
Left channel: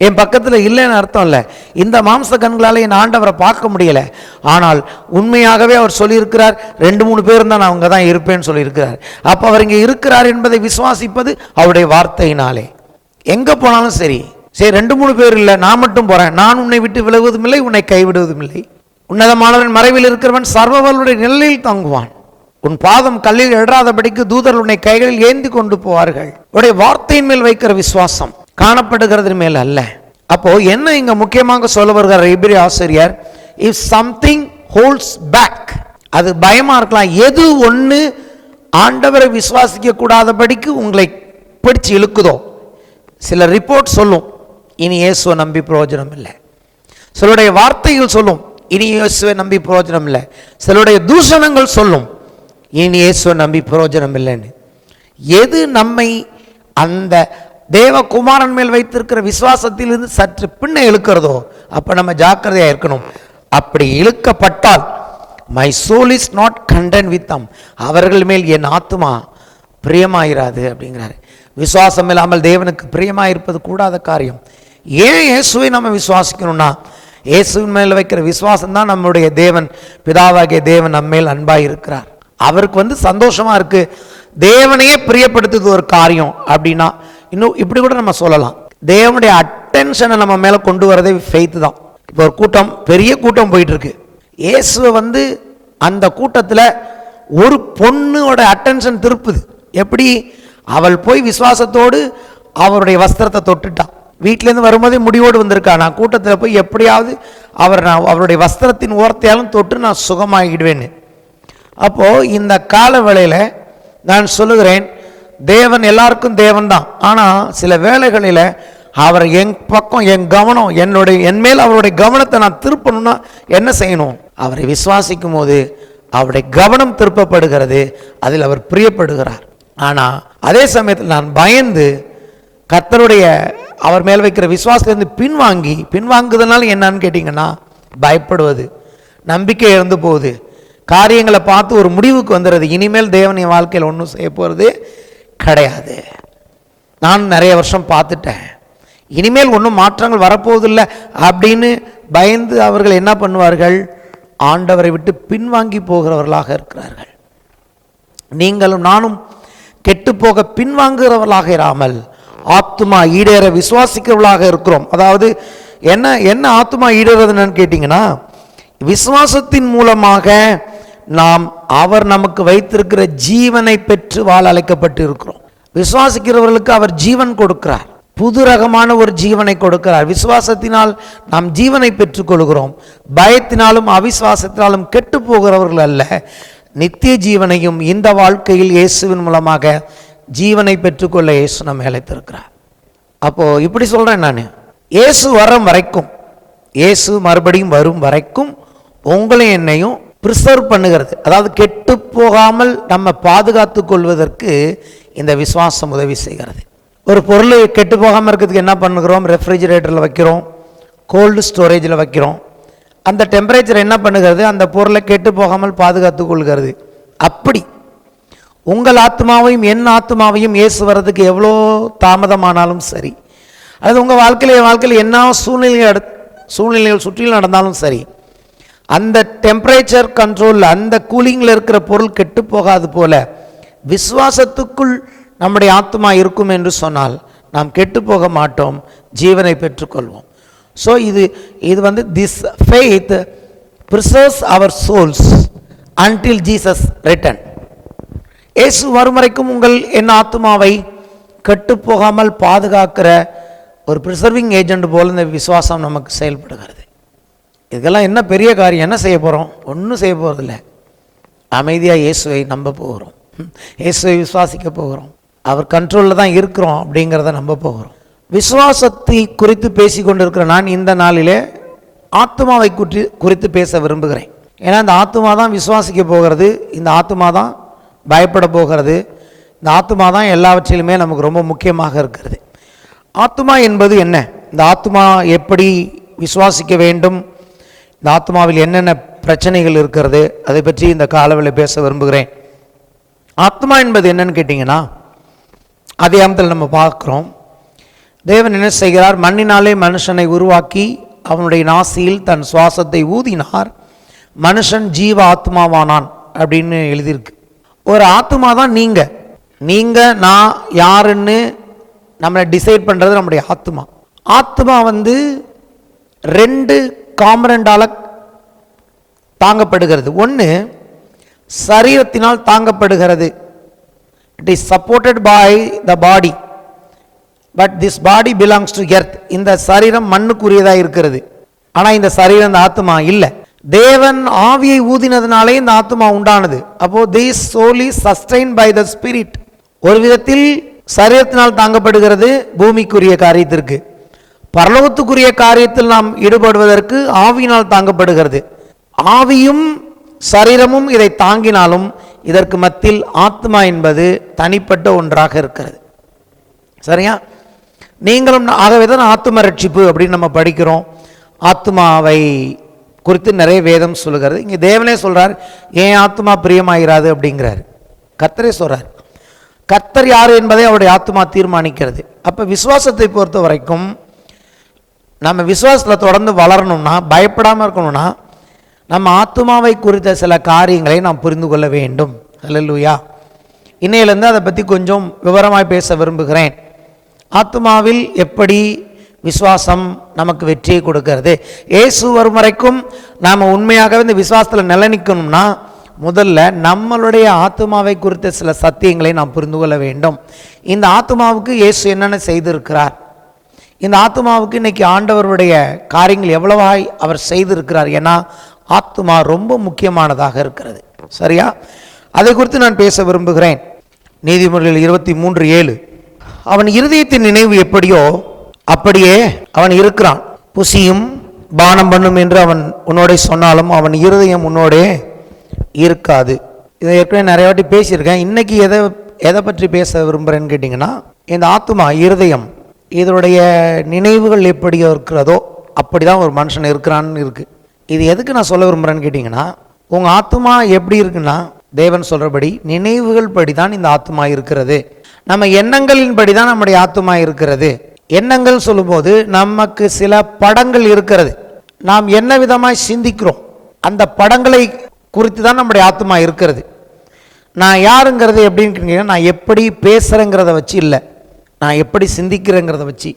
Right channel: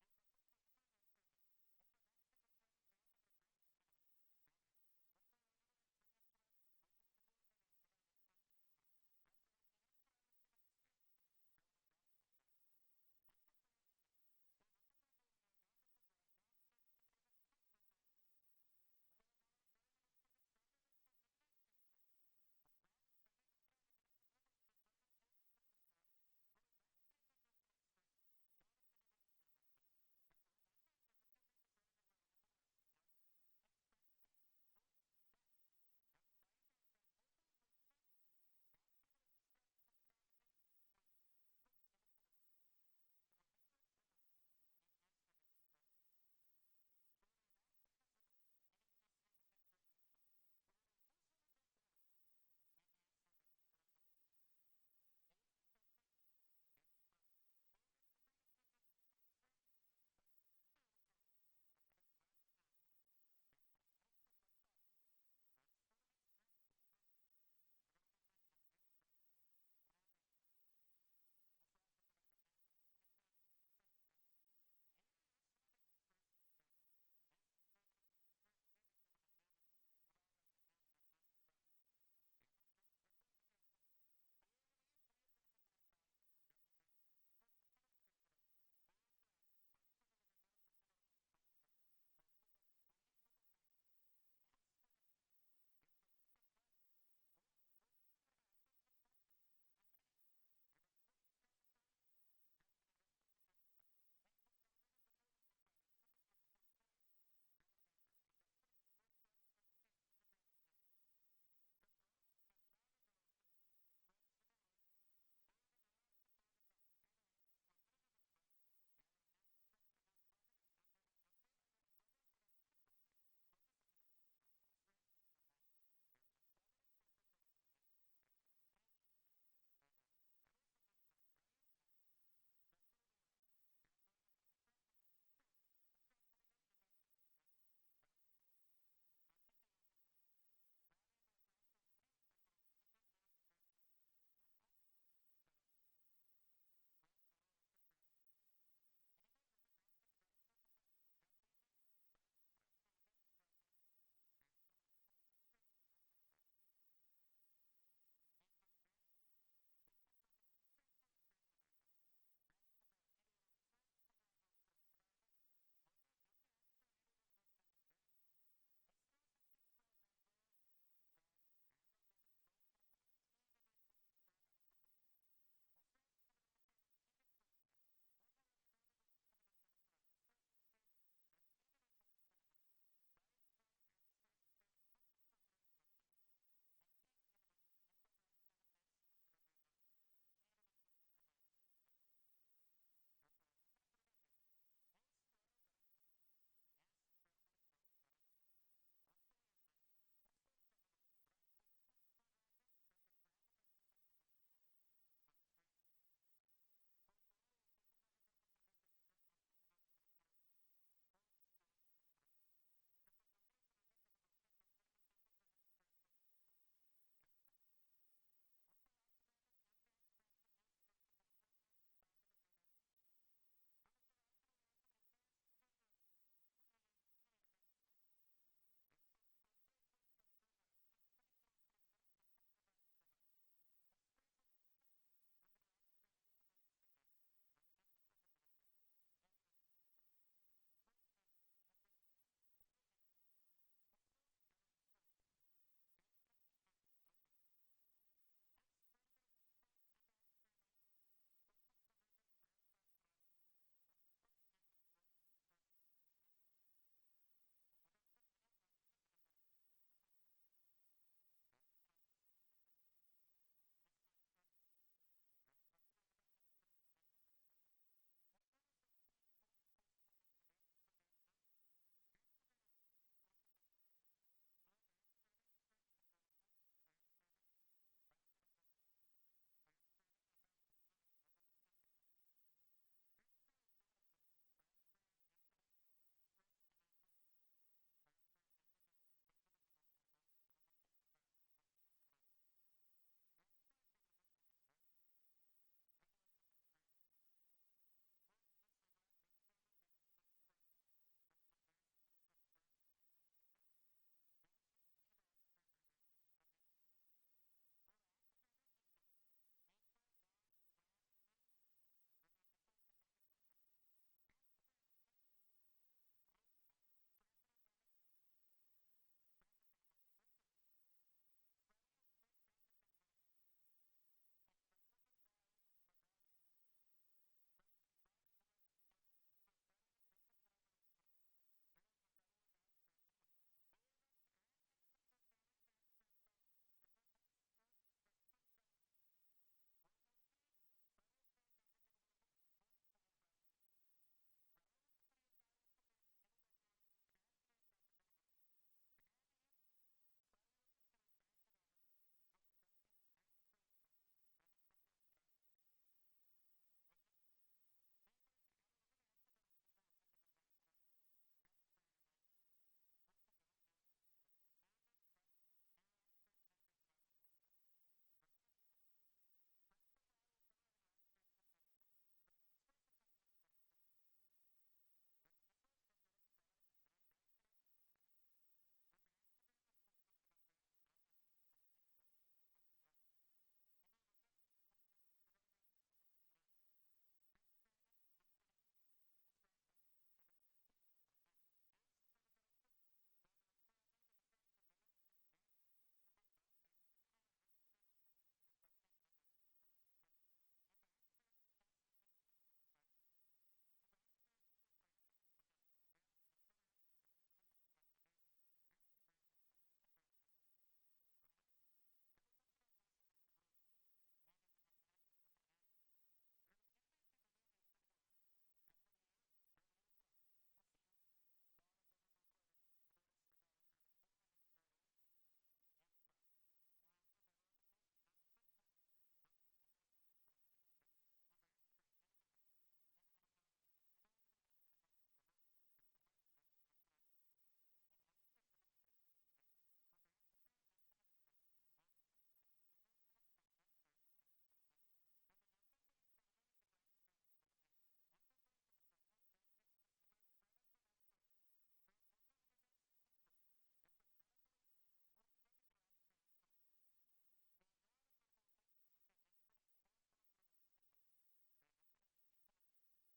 என் பக்கத்தில் இல்லைன்னு அர்த்தம் இல்லை. இந்த மாம்ச கண்களால் என் ஆண்டவரை பார்க்க முடியல, ஆனால் உண்மையாகவே அவர் சொல்லியிருக்கிறார், 2-3 பேர் தான் நான் அவங்க தான் இருப்பேன்னு சொல்லியிருக்கிறார். அப்போ அவர் இங்கே இருக்கிறார் என்பதை விசுவாசிப்பது அவருடைய வார்த்தையினாலே. எங்க போனாலும் சரி, 2-3 பேர் இல்லை, நான் மட்டும் போறேன், நான் உன்னை விட்டு விலகுவதும் இல்லை, உன்னை கைவிடுவதும் இல்லை. உன்னதமானவன் மறைவில் இருக்கிறவன் சர்வவல்லுடைய நிழலில் தங்குவான். உன் பாதம் கல்லில் இடராதபடிக்கு தூதர் உன்னை கைகளில் ஏந்தி கொண்டு போவார்கள். உடைய வார்த்தையின் மேல் வைக்கிற விசுவாசம், காணப்படுகிறது மேல் அல்ல. அப்போ என்ன இங்க முக்கியமாக சொல்ல வருகிற எபிரேய ஆசிரியர், இஃப் சம்திங் ஹோல்ட்ஸ் பேக், அது பயமா இருக்கலாம். எது ஒண்ணு ஆண்டவரை விசுவாசிக்க கூடாதபடிக்கு உங்களை பிடிச்சு இழுக்குதோ, சில ரிப்போர்ட் சொல்லும் இனி இயேசுவை நம்பி பிரயோஜனம் இல்லை, சிலருடைய வார்த்தைகள் சொல்லும் இனி இயேசுவை நம்பி பிரயோஜனம் இல்லை, சிலருடைய தூஷணங்கள் சொல்லும் இனி இயேசுவை நம்பி பிரயோஜனம் இல்லைன்னு. எது நம்மை அந்த தேவகுமாரன் மேல் வைத்திருக்கிற விசுவாசத்திலிருந்து சற்று பின்ன இழுக்கிறதோ அப்ப நம்ம ஜாக்கிரதையா இருக்கணும். அப்படி இழுக்கப்பட்டால் my soul is not content with them, அவர்கள் மேல் என் ஆத்துமா பிரியமாயிராது அப்படிங்கிறாரு. விசுவாசம் இல்லாமல் தேவனுக்கு பிரியமாயிருப்பது கூடாத காரியம். ஏன் இயேசுவை நம்ம விசுவாசிக்கணும்னா, இயேசுவின் மேல் வைக்கிற விசுவாசம் தான் நம்முடைய தேவன், பிதாவாகிய தேவன் நம்ம மேல் அன்பாய் இருக்கிறார். அவருக்கு சந்தோஷமா இருக்கு, தேவனையே பிரியப்படுத்துது ஒரு காரியம் அப்படின்னா, இன்னும் இப்படி கூட நம்ம சொல்லலாம், தேவனுடைய அட்டென்ஷனை நம்ம மேல கொண்டு வரதே ஃபெய்த் தான். இப்போ ஒரு கூட்டம், பெரிய கூட்டம் போயிட்டு இருக்கு, இயேசுவை அந்த கூட்டத்துல ஒரு பொண்ணோட அட்டென்ஷன் திருப்புது. எப்படி? அவள் போய் விசுவாசத்தோடு அவருடைய வஸ்திரத்தை தொட்டுட்டான். வீட்டிலேருந்து வரும்போதே முடிவோடு வந்திருக்கா, நான் கூட்டத்தில் போய் எப்படியாவது அவருடைய வஸ்திரத்தின் ஓரத்தையாலும் தொட்டு நான் சுகமாகிடுவேன்னு. அப்போ இந்த கால வேளையில நான் சொல்லுகிறேன், தேவன் எல்லாருக்கும் தேவன் தான். ஆனா சில வேளைகளில் அவர் என் பக்கம், என் கவனம், என் மேல் அவருடைய கவனத்தை நான் திருப்பணும்னா என்ன செய்யணும்? அவரை விசுவாசிக்கும் போது அவருடைய கவனம் திருப்பப்படுகிறது, அதில் அவர் பிரியப்படுகிறார். ஆனால் அதே சமயத்தில் நான் பயந்து கர்த்தருடைய அவர் மேல் வைக்கிற விசுவாசத்திலிருந்து பின்வாங்குதனால என்னன்னு கேட்டிங்கன்னா, பயப்படுவது, நம்பிக்கை இழந்து போகுது, காரியங்களை பார்த்து ஒரு முடிவுக்கு வந்துடுறது, இனிமேல் தேவன் என் வாழ்க்கையில் ஒன்றும் செய்ய போகிறது கிடையாது, நான் நிறைய வருஷம் பார்த்துட்டேன், இனிமேல் ஒன்றும் மாற்றங்கள் வரப்போவதில்லை அப்படின்னு பயந்து அவர்கள் என்ன பண்ணுவார்கள், ஆண்டவரை விட்டு பின்வாங்கி போகிறவர்களாக இருக்கிறார்கள். நீங்களும் நானும் கெட்டுப்போக பின்வாங்குகிறவர்களாக இராமல் ஆத்துமா ஈடேற விசுவாசிக்கிறவர்களாக இருக்கிறோம். அதாவது என்ன ஆத்துமா ஈடேறதுன்னு கேட்டிங்கன்னா, விசுவாசத்தின் மூலமாக நாம் அவர் நமக்கு வைத்திருக்கிற ஜீவனை பெற்று வாழ அழைக்கப்பட்டு இருக்கிறோம். விசுவாசிக்கிறவர்களுக்கு அவர் ஜீவன் கொடுக்கிறார், புது ரகமான ஒரு ஜீவனை கொடுக்கிறார். விசுவாசத்தினால் நாம் ஜீவனை பெற்றுக்கொள்கிறோம். பயத்தினாலும் அவிசுவாசத்தினாலும் கெட்டு போகிறவர்கள் அல்ல, நித்திய ஜீவனையும் இந்த வாழ்க்கையில் இயேசுவின் மூலமாக ஜீவனை பெற்றுக்கொள்ள இயேசு நம்ம அழைத்திருக்கிறார். அப்போ இப்படி சொல்றேன், நான் இயேசு வரும் வரைக்கும், இயேசு மறுபடியும் வரும் வரைக்கும் உங்களையும் என்னையும் பிரிசர்வ் பண்ணுகிறது, அதாவது கெட்டு போகாமல் நம்ம பாதுகாத்து கொள்வதற்கு இந்த விசுவாசம் உதவி செய்கிறது. ஒரு பொருள் கெட்டு போகாமல் இருக்கிறதுக்கு என்ன பண்ணுகிறோம், ரெஃப்ரிஜிரேட்டரில் வைக்கிறோம், கோல்டு ஸ்டோரேஜில் வைக்கிறோம். அந்த டெம்பரேச்சர் என்ன பண்ணுகிறது, அந்த பொருளை கெட்டு போகாமல் பாதுகாத்து கொள்கிறது. அப்படி உங்கள் ஆத்மாவையும் என் ஆத்மாவையும் இயேசு வர்றதுக்கு எவ்வளோ தாமதமானாலும் சரி, அது உங்கள் வாழ்க்கையில் என்ன சூழ்நிலைகள் சுற்றிலும் நடந்தாலும் சரி, அந்த டெம்பரேச்சர் கண்ட்ரோல், அந்த கூலிங்கில் இருக்கிற பொருள் கெட்டு போகாது போல விசுவாசத்துக்குள் நம்முடைய ஆத்மா இருக்கும் என்று சொன்னால் நாம் கெட்டு போக மாட்டோம், ஜீவனை பெற்றுக்கொள்வோம். ஸோ இது வந்து this faith preserves our souls until Jesus return. இயேசு வரும் வரைக்கும் உங்கள் என் ஆத்மாவை கெட்டு போகாமல் பாதுகாக்கிற ஒரு ப்ரிசர்விங் ஏஜென்ட் போல் இந்த விசுவாசம் நமக்கு செயல்படுகிறது. இதுக்கெல்லாம் என்ன பெரிய காரியம், என்ன செய்ய போகிறோம், ஒன்றும் செய்ய போகிறதில்ல. அமைதியாக இயேசுவை நம்ப போகிறோம், இயேசுவை விசுவாசிக்க போகிறோம், அவர் கண்ட்ரோலில் தான் இருக்கிறோம் அப்படிங்கிறத நம்ப போகிறோம். விசுவாசத்தை குறித்து பேசி கொண்டிருக்கிற நான் இந்த நாளிலே ஆத்மாவை குறித்து பேச விரும்புகிறேன். ஏன்னா இந்த ஆத்மா தான் விசுவாசிக்க போகிறது, இந்த ஆத்மா தான் பயப்பட போகிறது, இந்த ஆத்மா தான் எல்லாவற்றிலுமே நமக்கு ரொம்ப முக்கியமாக இருக்கிறது. ஆத்மா என்பது என்ன, இந்த ஆத்மா எப்படி விசுவாசிக்க வேண்டும், இந்த ஆத்மாவில் என்னென்ன பிரச்சனைகள் இருக்கிறது, அதை பற்றி இந்த காலவில் பேச விரும்புகிறேன். ஆத்மா என்பது என்னன்னு கேட்டிங்கன்னா, ஆதியாகமத்தில் நம்ம பார்க்குறோம், தேவன் என்ன செய்கிறார், மண்ணினாலே மனுஷனை உருவாக்கி அவனுடைய நாசியில் தன் சுவாசத்தை ஊதினார், மனுஷன் ஜீவ ஆத்மாவானான் அப்படின்னு எழுதியிருக்கு. ஒரு ஆத்மா தான் நீங்கள் நான் யாருன்னு நம்மளை டிசைட் பண்ணுறது நம்முடைய ஆத்மா. ஆத்மா வந்து 2 காம்பனண்டால் தாங்கப்படுகிறது. ஒன்று சரீரத்தினால் தாங்கப்படுகிறது, it is supported by the body, but this body belongs to earth. இந்த சரீரம் மண்ணுக்குரியதாக இருக்கிறது, ஆனால் இந்த சரீரம் இந்த ஆத்மா இல்லை. தேவன் ஆவியை ஊதினதுனாலே இந்த ஆத்மா உண்டானது. அப்போ this soul is sustained by the spirit. ஒரு விதத்தில் சரீரத்தினால் தாங்கப்படுகிறது பூமிக்குரிய காரியத்திற்கு, பரலோகத்துக்குரிய காரியத்தில் நாம் ஈடுபடுவதற்கு ஆவியினால் தாங்கப்படுகிறது. ஆவியும் சரீரமும் இதை தாங்கினாலும் இதற்கு மத்தியில் ஆத்மா என்பது தனிப்பட்ட ஒன்றாக இருக்கிறது. சரியா? நீங்களும் ஆகவே தான் ஆத்ம ரட்சிப்பு அப்படின்னு நம்ம படிக்கிறோம். ஆத்மாவை குறித்து நிறைய வேதம் சொல்லுகிறது. இங்கே தேவனே சொல்கிறார், ஏன் ஆத்மா பிரியமாகிறாது அப்படிங்கிறார். கர்த்தரே சொல்கிறார். கர்த்தர் யார் என்பதை அவருடைய ஆத்மா தீர்மானிக்கிறது. அப்போ விசுவாசத்தை பொறுத்த வரைக்கும் நம்ம விசுவாசத்தில் தொடர்ந்து வளரணும்னா, பயப்படாமல் இருக்கணும்னா, நம்ம ஆத்மாவை குறித்த சில காரியங்களை நாம் புரிந்து கொள்ள வேண்டும். அல்லேலூயா. இன்னையிலேருந்து அதை பற்றி கொஞ்சம் விவரமாக பேச விரும்புகிறேன். ஆத்மாவில் எப்படி விசுவாசம் நமக்கு வெற்றியை கொடுக்கிறது. இயேசு வரும் வரைக்கும் நாம் உண்மையாகவே இந்த விசுவாசத்தில் நிலைநிற்கணும்னா முதல்ல நம்மளுடைய ஆத்மாவை குறித்த சில சத்தியங்களை நாம் புரிந்து கொள்ள வேண்டும். இந்த ஆத்மாவுக்கு இயேசு என்னென்ன செய்திருக்கிறார், இந்த ஆத்மாவுக்கு இன்னைக்கு ஆண்டவருடைய காரியங்கள் எவ்வளவாய் அவர் செய்திருக்கிறார். ஏன்னா ஆத்மா ரொம்ப முக்கியமானதாக இருக்கிறது. சரியா? அதை குறித்து நான் பேச விரும்புகிறேன். நீதிமொழிகள் 23:7, அவன் இருதயத்தின் நினைவு எப்படியோ அப்படியே அவன் இருக்கிறான், புசியும் பானம் பண்ணும் என்று அவன் உன்னோட சொன்னாலும் அவன் இருதயம் உன்னோடே இருக்காது. இதை ஏற்கனவே நிறைய வாட்டி பேசியிருக்கேன். இன்னைக்கு எதை பற்றி பேச விரும்புகிறேன்னு கேட்டிங்கன்னா, இந்த ஆத்துமா, இருதயம், இதனுடைய நினைவுகள் எப்படி இருக்கிறதோ அப்படி தான் ஒரு மனுஷன் இருக்கிறான்னு இருக்குது. இது எதுக்கு நான் சொல்ல விரும்புகிறேன்னு கேட்டிங்கன்னா, உங்கள் ஆத்துமா எப்படி இருக்குன்னா, தேவன் சொல்கிறபடி நினைவுகள் படி தான் இந்த ஆத்துமா இருக்கிறது. நம்ம எண்ணங்களின் படி தான் நம்முடைய ஆத்துமா இருக்கிறது. எண்ணங்கள் சொல்லும்போது நமக்கு சில படங்கள் இருக்கிறது. நாம் என்ன விதமாய் சிந்திக்கிறோம், அந்த படங்களை குறித்து தான் நம்முடைய ஆத்துமா இருக்கிறது. நான் யாருங்கிறது எப்படின்னு கேட்டீங்கன்னா, நான் எப்படி பேசுகிறேங்கிறத வச்சு இல்லை, நான் எப்படி சிந்திக்கிறேங்கிறத வச்சு.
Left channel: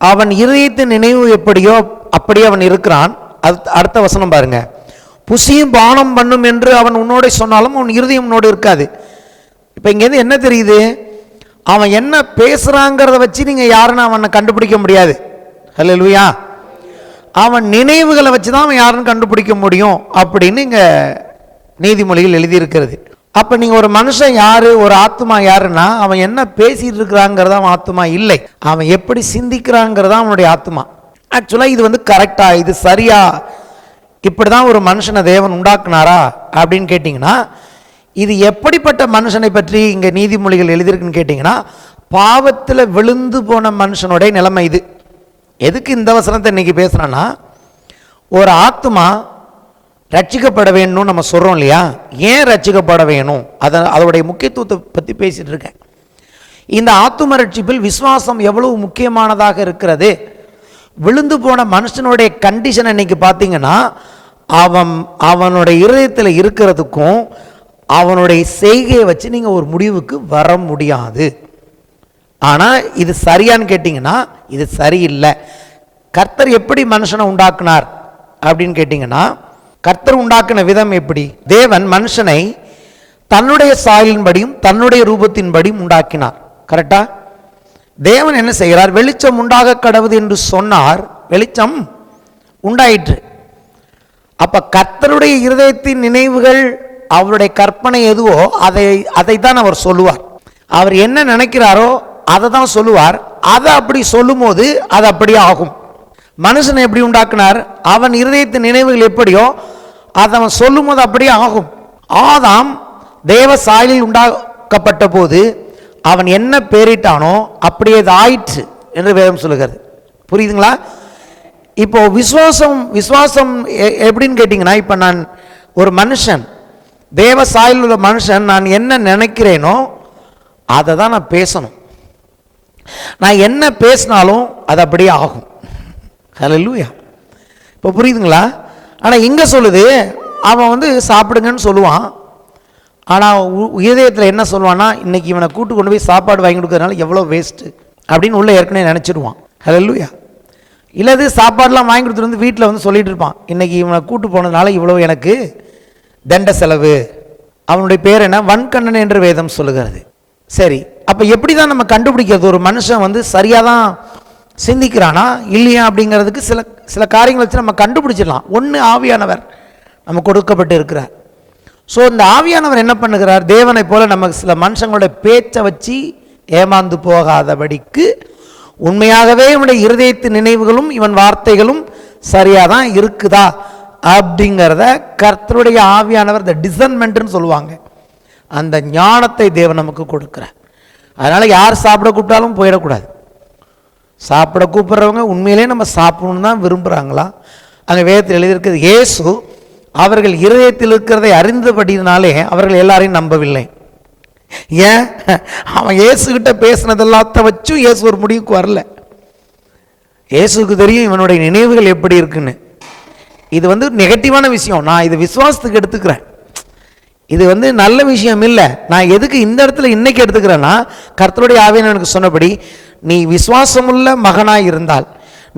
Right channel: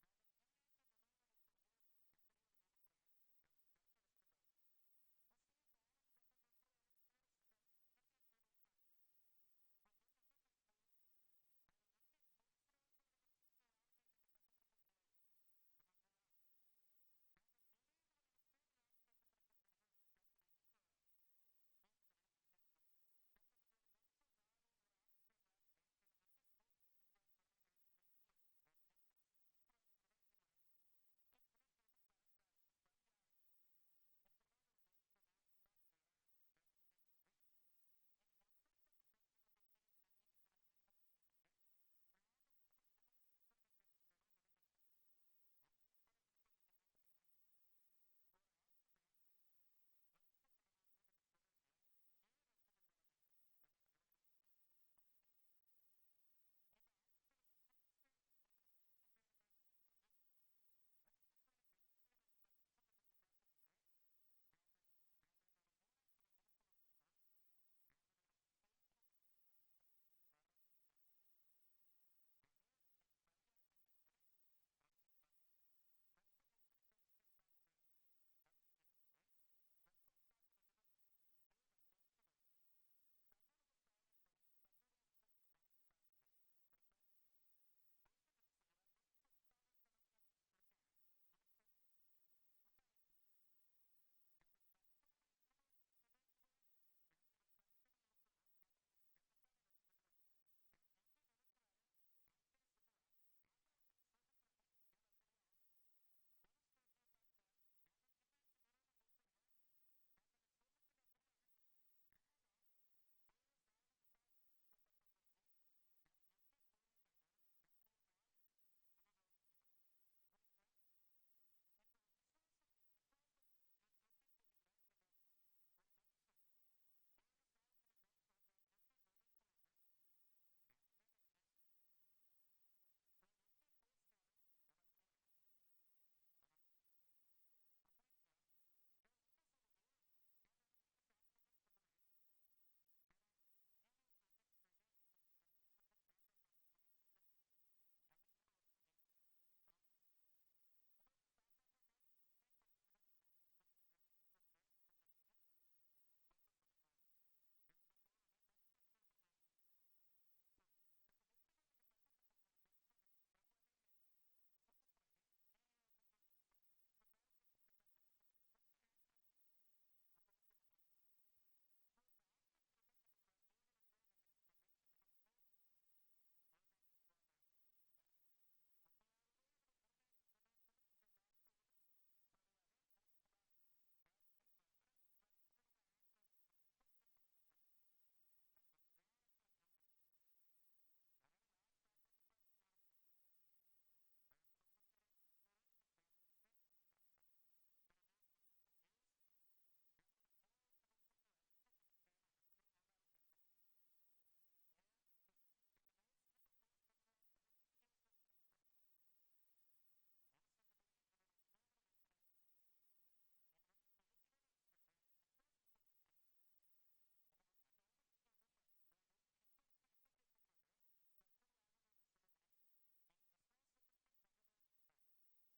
அவன் இருதயத்தின் நினைவு எப்படியோ அப்படியே அவன் இருக்கிறான். அடுத்த வசனம் பாருங்க, புசியும் பானம் பண்ணும் என்று அவன் உன்னோட சொன்னாலும் அவன் இருதயம் உன்னோடு இருக்காது. இப்போ இங்கேருந்து என்ன தெரியுது, அவன் என்ன பேசுகிறாங்கிறத வச்சு நீங்கள் யாருன்னு அவனை கண்டுபிடிக்க முடியாது. ஹல்லேலூயா. அவன் நினைவுகளை வச்சு தான் அவன் யாருன்னு கண்டுபிடிக்க முடியும் அப்படின்னு இங்கே நீதிமொழிகள் எழுதியிருக்கிறது. அப்போ நீங்கள் ஒரு மனுஷன் யார், ஒரு ஆத்மா யாருன்னா, அவன் என்ன பேசிகிட்டு இருக்கிறாங்கிறத அவன் ஆத்மா இல்லை, அவன் எப்படி சிந்திக்கிறாங்கிறதா அவனுடைய ஆத்மா. ஆக்சுவலாக இது கரெக்டா, இது சரியா, இப்படி தான் ஒரு மனுஷனை தேவன் உண்டாக்குனாரா அப்படின்னு கேட்டிங்கன்னா, இது எப்படிப்பட்ட மனுஷனை பற்றி இங்கே நீதிமொழிகள் எழுதியிருக்குன்னு கேட்டிங்கன்னா, பாவத்தில் விழுந்து போன மனுஷனுடைய நிலைமை இது. எதுக்கு இந்த வசனத்தை இன்னைக்கு பேசுகிறேன்னா, ஒரு ஆத்மா ரட்சிக்கப்பட வேணும்னு நம்ம சொல்கிறோம் இல்லையா, ஏன் ரட்சிக்கப்பட வேணும், அதோடைய முக்கியத்துவத்தை பற்றி பேசிகிட்டு இருக்கேன். இந்த ஆத்தும ரட்சிப்பில் விசுவாசம் எவ்வளவு முக்கியமானதாக இருக்கிறது. விழுந்து போன மனுஷனுடைய கண்டிஷன் இன்னைக்கு பார்த்தீங்கன்னா, அவனுடைய இருதயத்தில் இருக்கிறதுக்கும் அவனுடைய செய்கையை வச்சு நீங்கள் ஒரு முடிவுக்கு வர முடியாது. ஆனால் இது சரியான்னு கேட்டிங்கன்னா, இது சரியில்லை. கர்த்தர் எப்படி மனுஷனை உண்டாக்குனார் அப்படின்னு கேட்டிங்கன்னா, கர்த்தர் உண்டாக்கின விதம் எப்படி, தேவன் மனுஷனை தன்னுடைய சாயலின்படியும் தன்னுடைய ரூபத்தின்படியும் உண்டாக்கினார். கரெக்டா? தேவன் என்ன செய்கிறார், வெளிச்சம் உண்டாக கடவுது என்று சொன்னார், வெளிச்சம் உண்டாயிற்று. அப்ப கர்த்தருடைய இருதயத்தின் நினைவுகள், அவருடைய கற்பனை எதுவோ அதை தான் அவர் சொல்லுவார். அவர் என்ன நினைக்கிறாரோ அதை தான் சொல்லுவார். அதை அப்படி சொல்லும் போது அது அப்படியே ஆகும். மனுஷனை எப்படி உண்டாக்குனார், அவன் இருதயத்தின் நினைவுகள் எப்படியோ அதை அவன் சொல்லும் போது அப்படியே ஆகும். ஆதாம் தேவ சாயலில் உண்டாக்கப்பட்ட போது அவன் என்ன பேரிட்டானோ அப்படியே அது ஆயிற்று என்று வேதம் சொல்லுகிறது. புரியுதுங்களா? இப்போ விசுவாசம் எப்படின்னு கேட்டிங்கன்னா, இப்போ நான் ஒரு மனுஷன், தேவ சாயலில் உள்ள மனுஷன், நான் என்ன நினைக்கிறேனோ அதை தான் நான் பேசணும். நான் என்ன பேசினாலும் அது அப்படியே ஆகும். ஹல்லேலூயா. இப்போ புரியுதுங்களா? ஆனால் இங்கே சொல்லுது, அவன் சாப்பிடுங்கன்னு சொல்லுவான். ஆனால் இதயத்தில் என்ன சொல்லுவான்னா, இன்னைக்கு இவனை கூட்டு கொண்டு போய் சாப்பாடு வாங்கி கொடுக்கறதுனால எவ்வளோ வேஸ்ட்டு அப்படின்னு உள்ள ஏற்கனவே நினச்சிடுவான். ஹல்லேலூயா. இல்லது சாப்பாடுலாம் வாங்கி கொடுத்துட்டு வீட்டில் சொல்லிட்டு இருப்பான், இன்னைக்கு இவனை கூட்டு போனதுனால இவ்வளோ எனக்கு தண்ட செலவு. அவனுடைய பேர் என்ன, வன்கண்ணன் என்று வேதம் சொல்லுகிறது. சரி, அப்போ எப்படி தான் நம்ம கண்டுபிடிக்கிறது ஒரு மனுஷன் சரியாக தான் சிந்திக்கிறானா இல்லையா அப்படிங்கிறதுக்கு சில காரியங்களை வச்சு நம்ம கண்டுபிடிச்சிடலாம். ஒன்று, ஆவியானவர் நம்ம கொடுக்கப்பட்டு இருக்கிறார். ஸோ இந்த ஆவியானவர் என்ன பண்ணுகிறார், தேவனை போல நமக்கு சில மனுஷங்களோட பேச்சை வச்சு ஏமாந்து போகாதபடிக்கு உண்மையாகவே இவனுடைய இருதயத்து நினைவுகளும் இவன் வார்த்தைகளும் சரியாக தான் இருக்குதா அப்படிங்கிறத கர்த்தருடைய ஆவியானவர், இந்த டிசர்ன்மெண்ட்னு சொல்லுவாங்க, அந்த ஞானத்தை தேவன் நமக்கு கொடுக்குறார். அதனால் யார் சாப்பிட கூப்பிட்டாலும் போயிடக்கூடாது. சாப்பிட கூப்பிட்றவங்க உண்மையிலே நம்ம சாப்பிடணும்னு தான் விரும்புகிறாங்களா? அங்கே வேதத்தில் எழுதியிருக்கிறது, இயேசு அவர்கள் இருதயத்தில் இருக்கிறதை அறிந்தபடினாலே அவர்கள் எல்லாரையும் நம்பவில்லை. ஏன்? அவன் இயேசுகிட்ட பேசினதெல்லாத்த வச்சும் இயேசு ஒரு முடிவுக்கு வரல. இயேசுக்கு தெரியும் இவனுடைய நினைவுகள் எப்படி இருக்குன்னு. இது நெகட்டிவான விஷயம். நான் இது விசுவாசத்துக்கு எடுத்துக்கிறேன். இது நல்ல விஷயம் இல்லை. நான் எதுக்கு இந்த இடத்துல இன்னைக்கு எடுத்துக்கிறேன்னா, கர்த்தருடைய ஆவியானவர் எனக்கு சொன்னபடி, நீ விசுவாசமுள்ள மகனாக இருந்தால்,